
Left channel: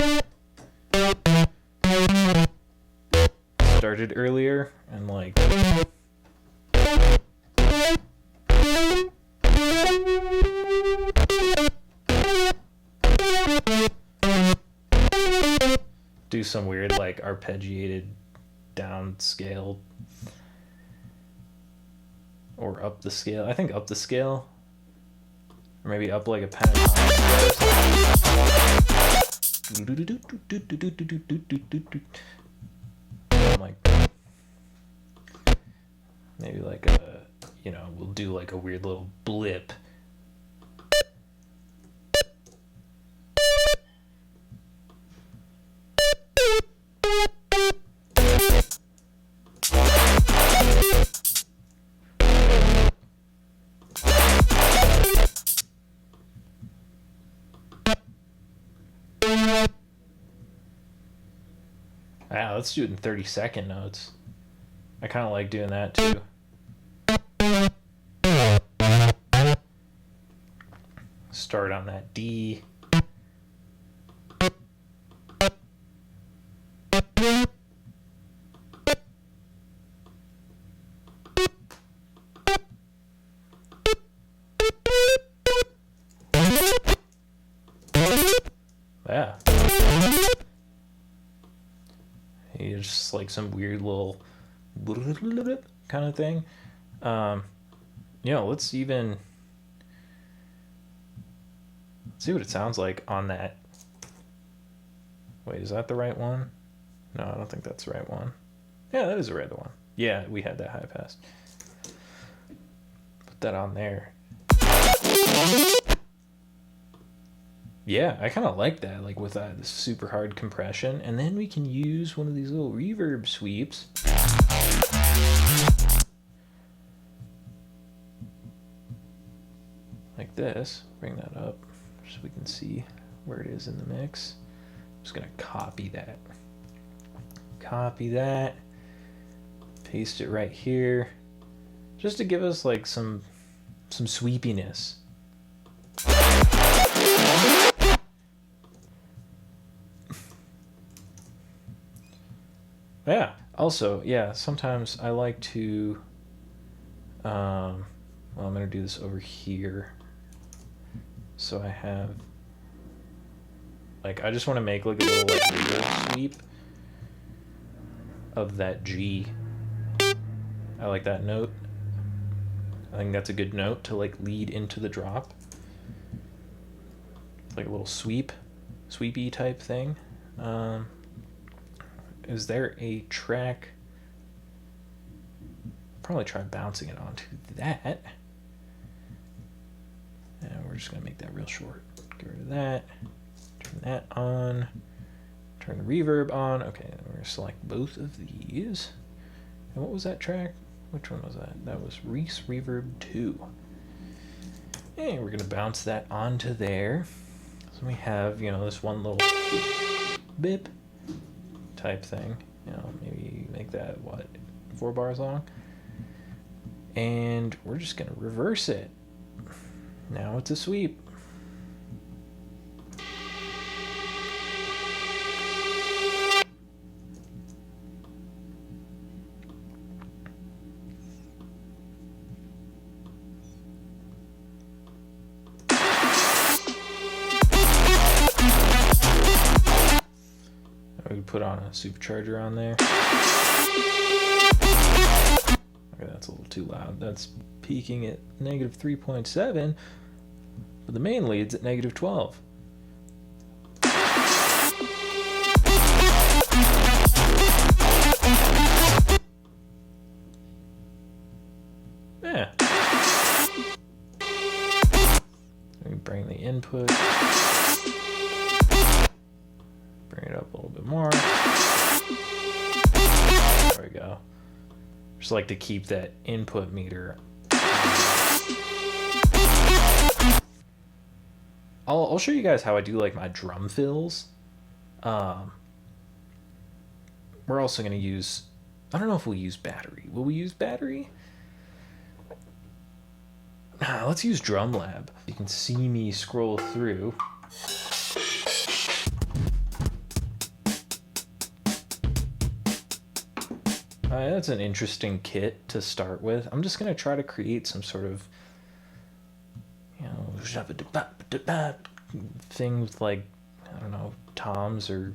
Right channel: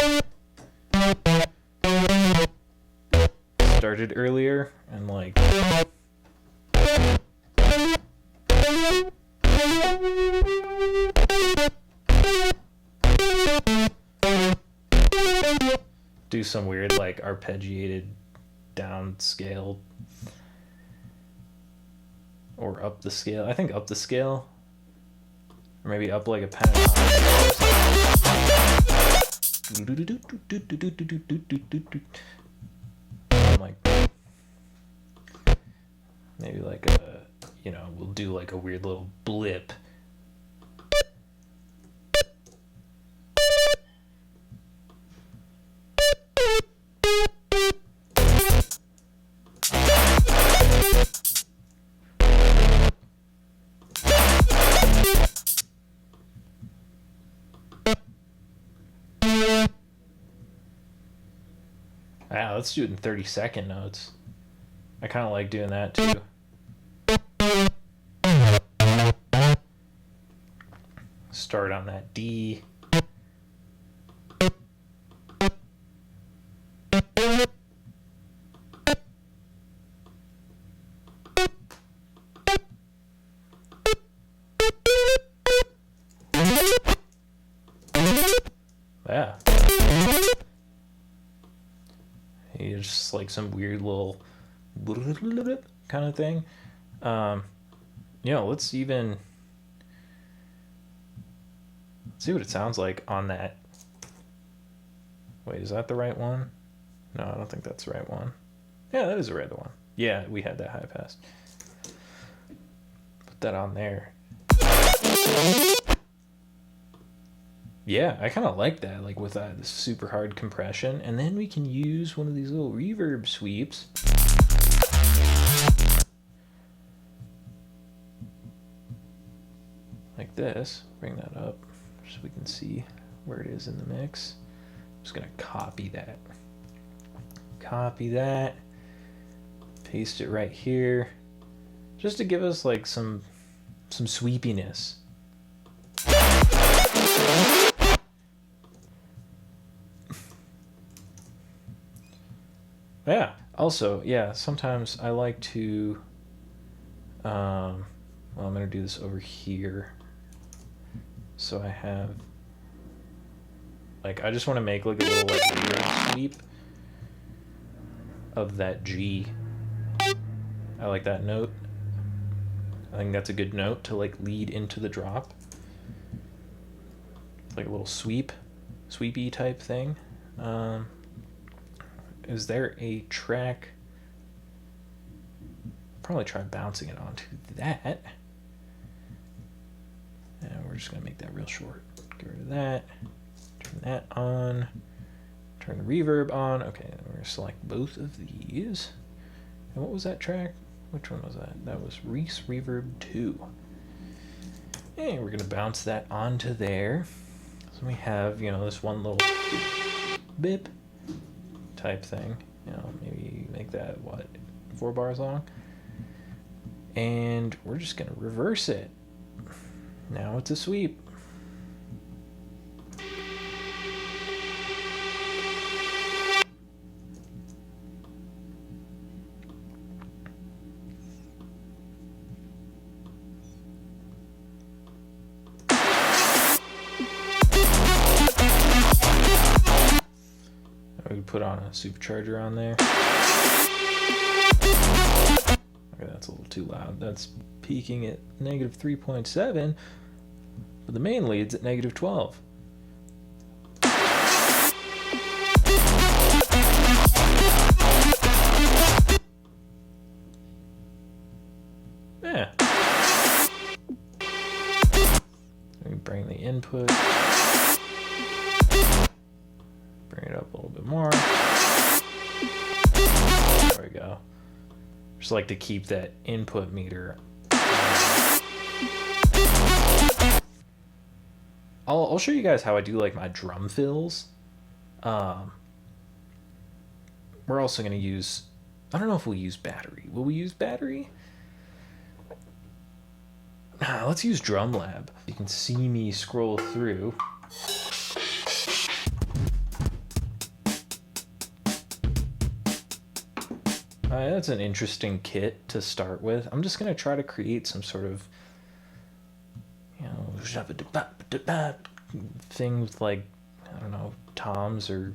started earlier and like do some weird like arpeggiated down scale or up the scale. I think up the scale, or maybe up like a pentatonic scale or something. Like maybe like a, you know, we'll do like a weird little blip. Wow, let's do it in 30-second notes. I kind of like doing that too. Start on that D. Yeah. It's just like some weird little kind of thing. You know, let's see what it sounds like on that. Wait, is that the right one? No, I don't think that's the right one. Yeah, that is the right one. Yeah, we had that high pass. Put that on there. Yeah, I kind of like that, like with this super hard compression. And then we can use one of these little reverb sweeps. Like this. Bring that up so we can see where it is in the mix. I'm just going to copy that. Copy that. Paste it right here. Just to give us like some sweepiness. Yeah. Also, yeah, sometimes I like to, well, I'm going to do this over here. So I have, like, I just want to make like a little like reverb sweep of that G. I like that note. I think that's a good note to like lead into the drop. Like a little sweepy type thing. Is there a track? Probably try bouncing it onto that. And we're just gonna make that real short. Get rid of that. Turn that on. Turn the reverb on. Okay, then we're gonna select both of these. And what was that track? Which one was that? That was Reese Reverb 2. And we're gonna bounce that onto there. So we have, you know, this one little bip type thing. You know, maybe make that, what, 4 bars long? And we're just gonna reverse it. Now it's a sweep. We put on a supercharger on there. Okay, that's a little too loud. That's peaking at negative 3.7, but the main lead's at negative 12. Yeah. Bring it up a little bit more. There we go. Just like to keep that input meter. I'll show you guys how I do like my drum fills. We're also going to use, I don't know if we'll use battery. Will we use battery? Let's use Drum Lab. You can see me scroll through. That's an interesting kit to start with. I'm just going to try to create some sort of, you know, thing with like, I don't know, toms or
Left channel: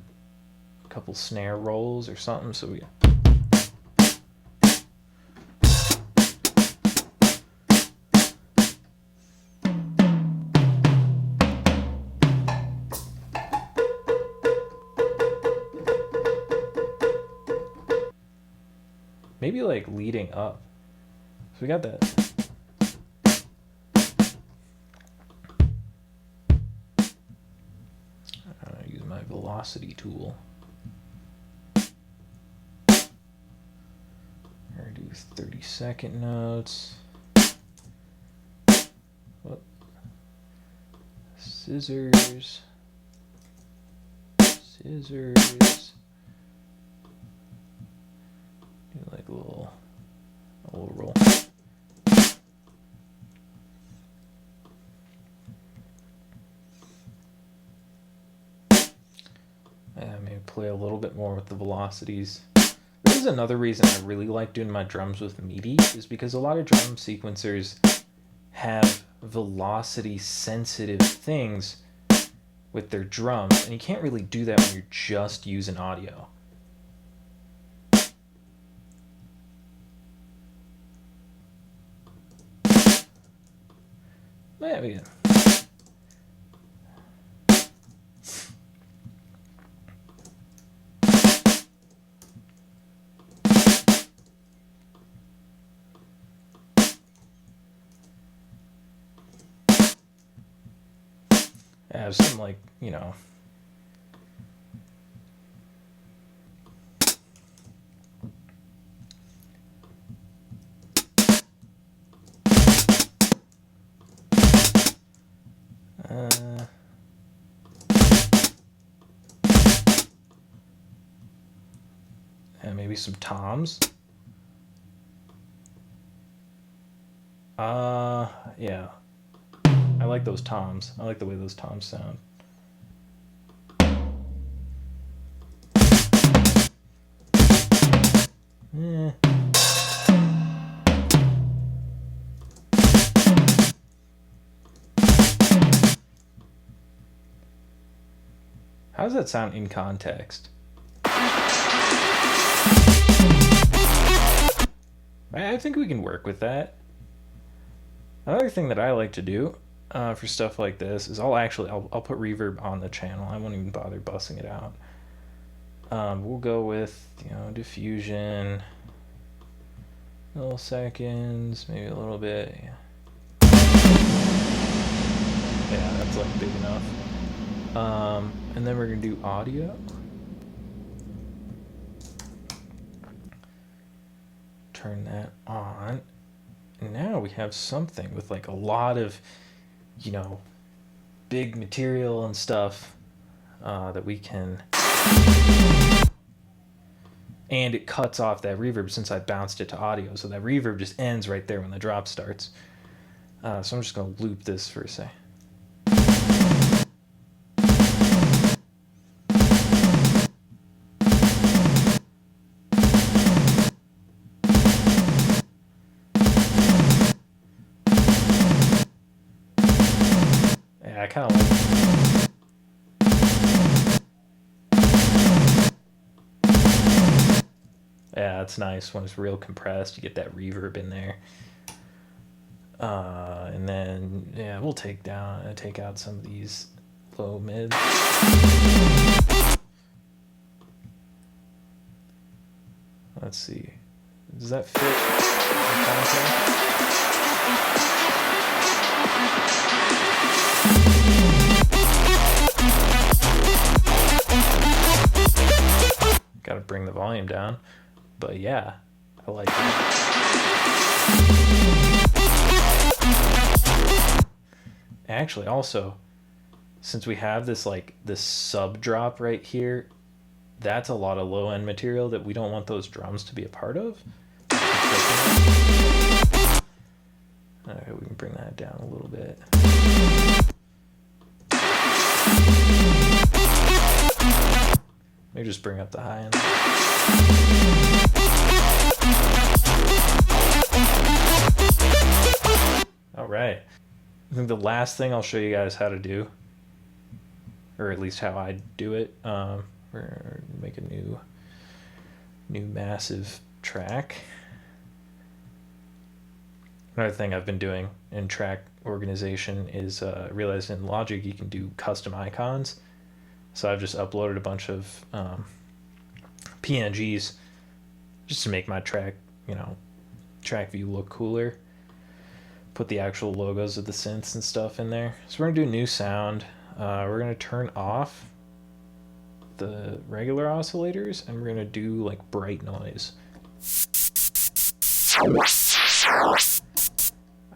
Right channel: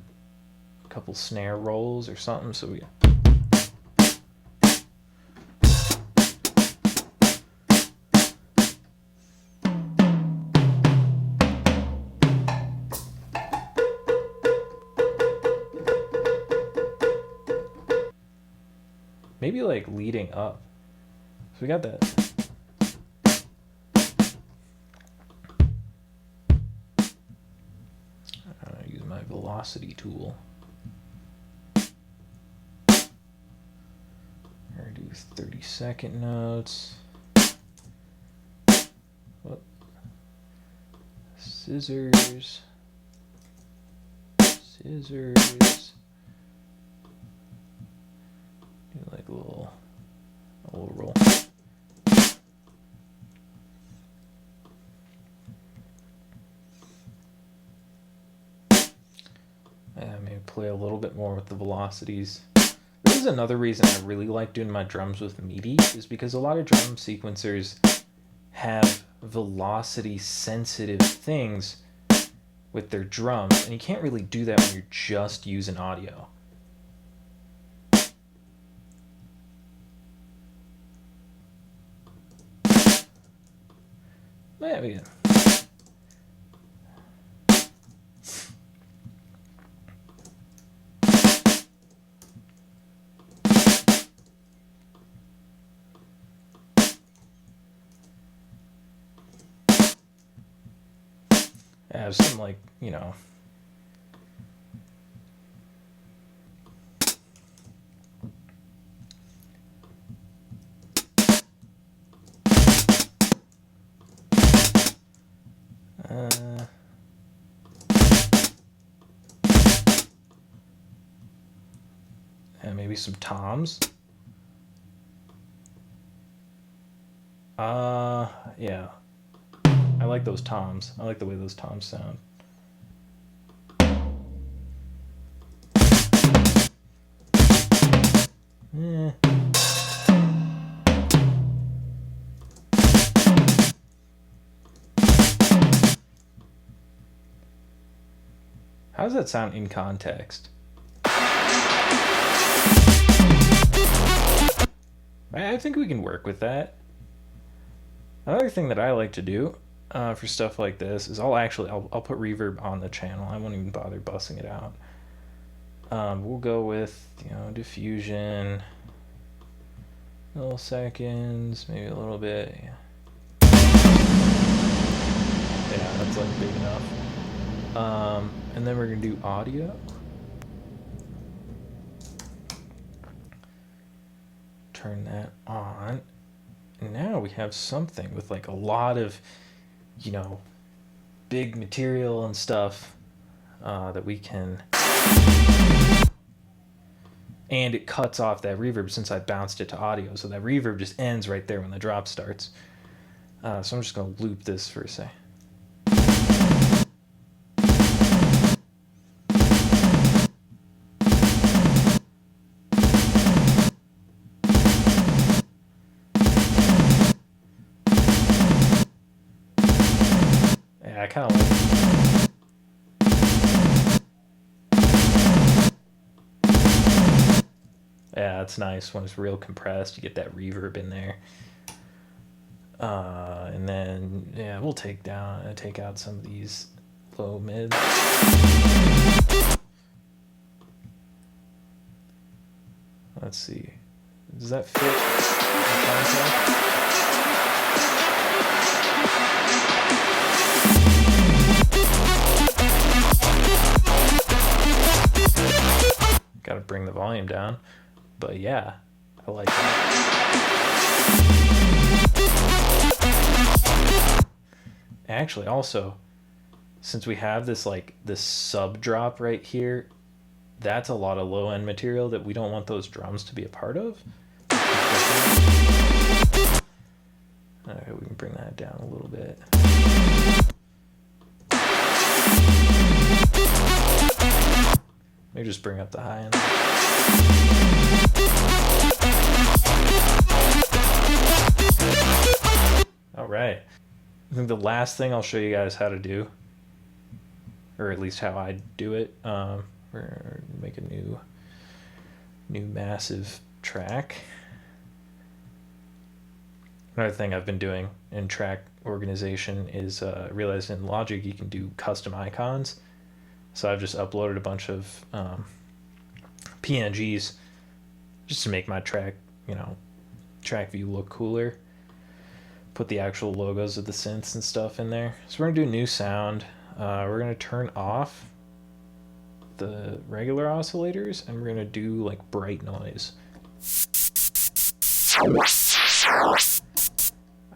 a couple snare rolls or something. So we... maybe like leading up. So we got that. Use my velocity tool. We're gonna do 30-second notes. Whoop. Scissors. Scissors. Like a little roll. Maybe play a little bit more with the velocities. This is another reason I really like doing my drums with MIDI, is because a lot of drum sequencers have velocity sensitive things with their drums, and you can't really do that when you're just using audio. Yeah, we can. Yeah, some like, you know. And maybe some toms. Yeah. I like those toms. I like the way those toms sound. How does that sound in context? I think we can work with that. Another thing that I like to do for stuff like this is I'll put reverb on the channel. I won't even bother bussing it out. We'll go with, you know, diffusion, milliseconds, maybe a little bit. Yeah, that's like big enough. And then we're gonna do audio. Turn that on. And now we have something with like a lot of, you know, big material and stuff that we can. And it cuts off that reverb since I bounced it to audio. So that reverb just ends right there when the drop starts. So I'm just going to loop this for a sec. Yeah, I kind of like it. Yeah, it's nice when it's real compressed. You get that reverb in there. And then, yeah, we'll take out some of these low mids. Let's see. Does that fit in context? bring the volume down. But yeah, I like that. Actually, also, since we have this like this sub drop right here, that's a lot of low end material that we don't want those drums to be a part of. Alright, we can bring that down a little bit. Maybe just bring up the high end. Alright. I think the last thing I'll show you guys how to do, or at least how I do it, we're gonna make a new massive track. Another thing I've been doing in track organization is realized in Logic you can do custom icons. So I've just uploaded a bunch of PNGs just to make my track, track view look cooler. Put the actual logos of the synths and stuff in there. So we're gonna do a new sound. We're gonna turn off the regular oscillators and we're gonna do like bright noise.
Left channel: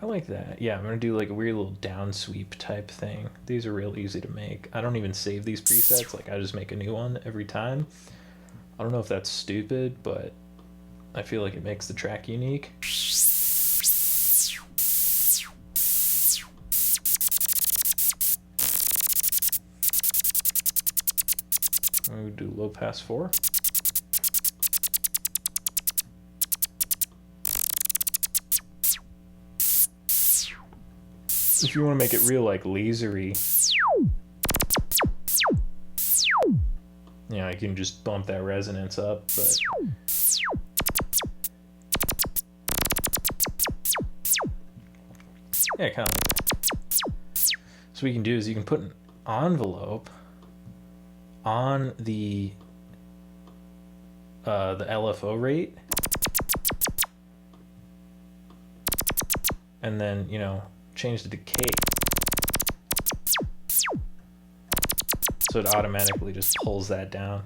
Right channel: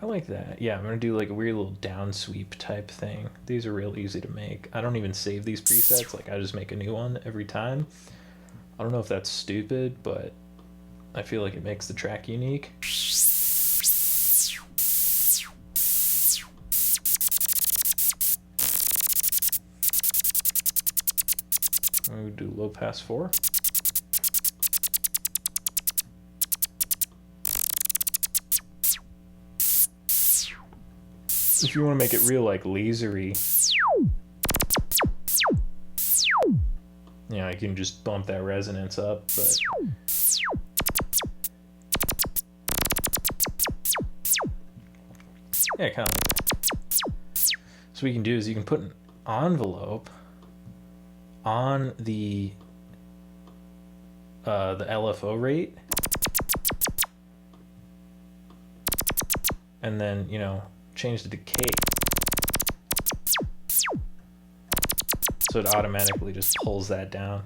I like that. Yeah, I'm gonna do like a weird little down sweep type thing. These are real easy to make. I don't even save these presets, like I just make a new one every time. I don't know if that's stupid, but I feel like it makes the track unique. I'm gonna do low pass 4. If you want to make it real like lasery, you can just bump that resonance up, but yeah, kind of like that. So what you can do is you can put an envelope on the LFO rate, and then change the decay so it automatically just pulls that down.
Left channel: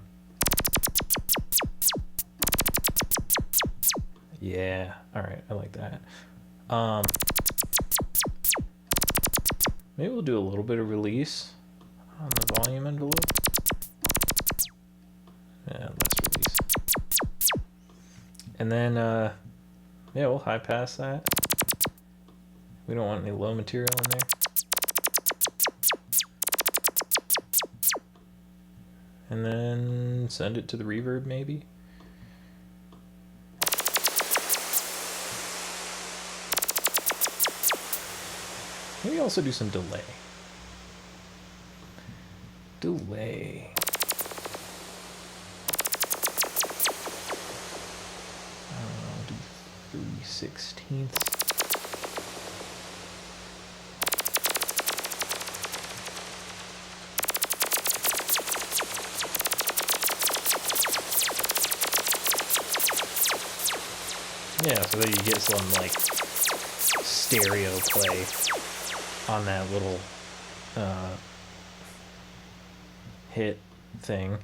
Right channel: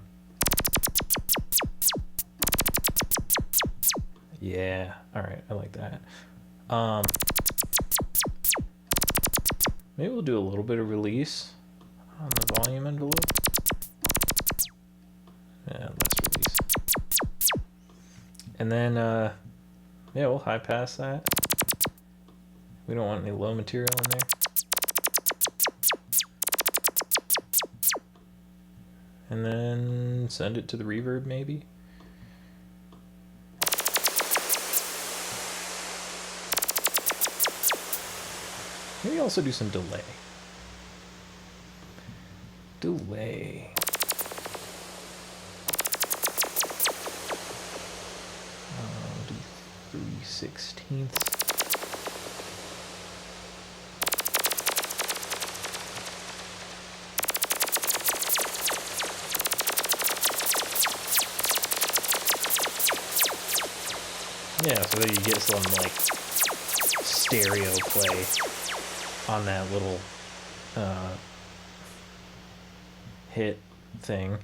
Yeah, all right, I like that. Maybe we'll do a little bit of release on the volume envelope. Yeah, less release. And then yeah, we'll high pass that. We don't want any low material in there. And then send it to the reverb maybe. Maybe also do some delay. Delay. I'll do 3/16. Yeah, so that you get some like stereo play on that little hit thing.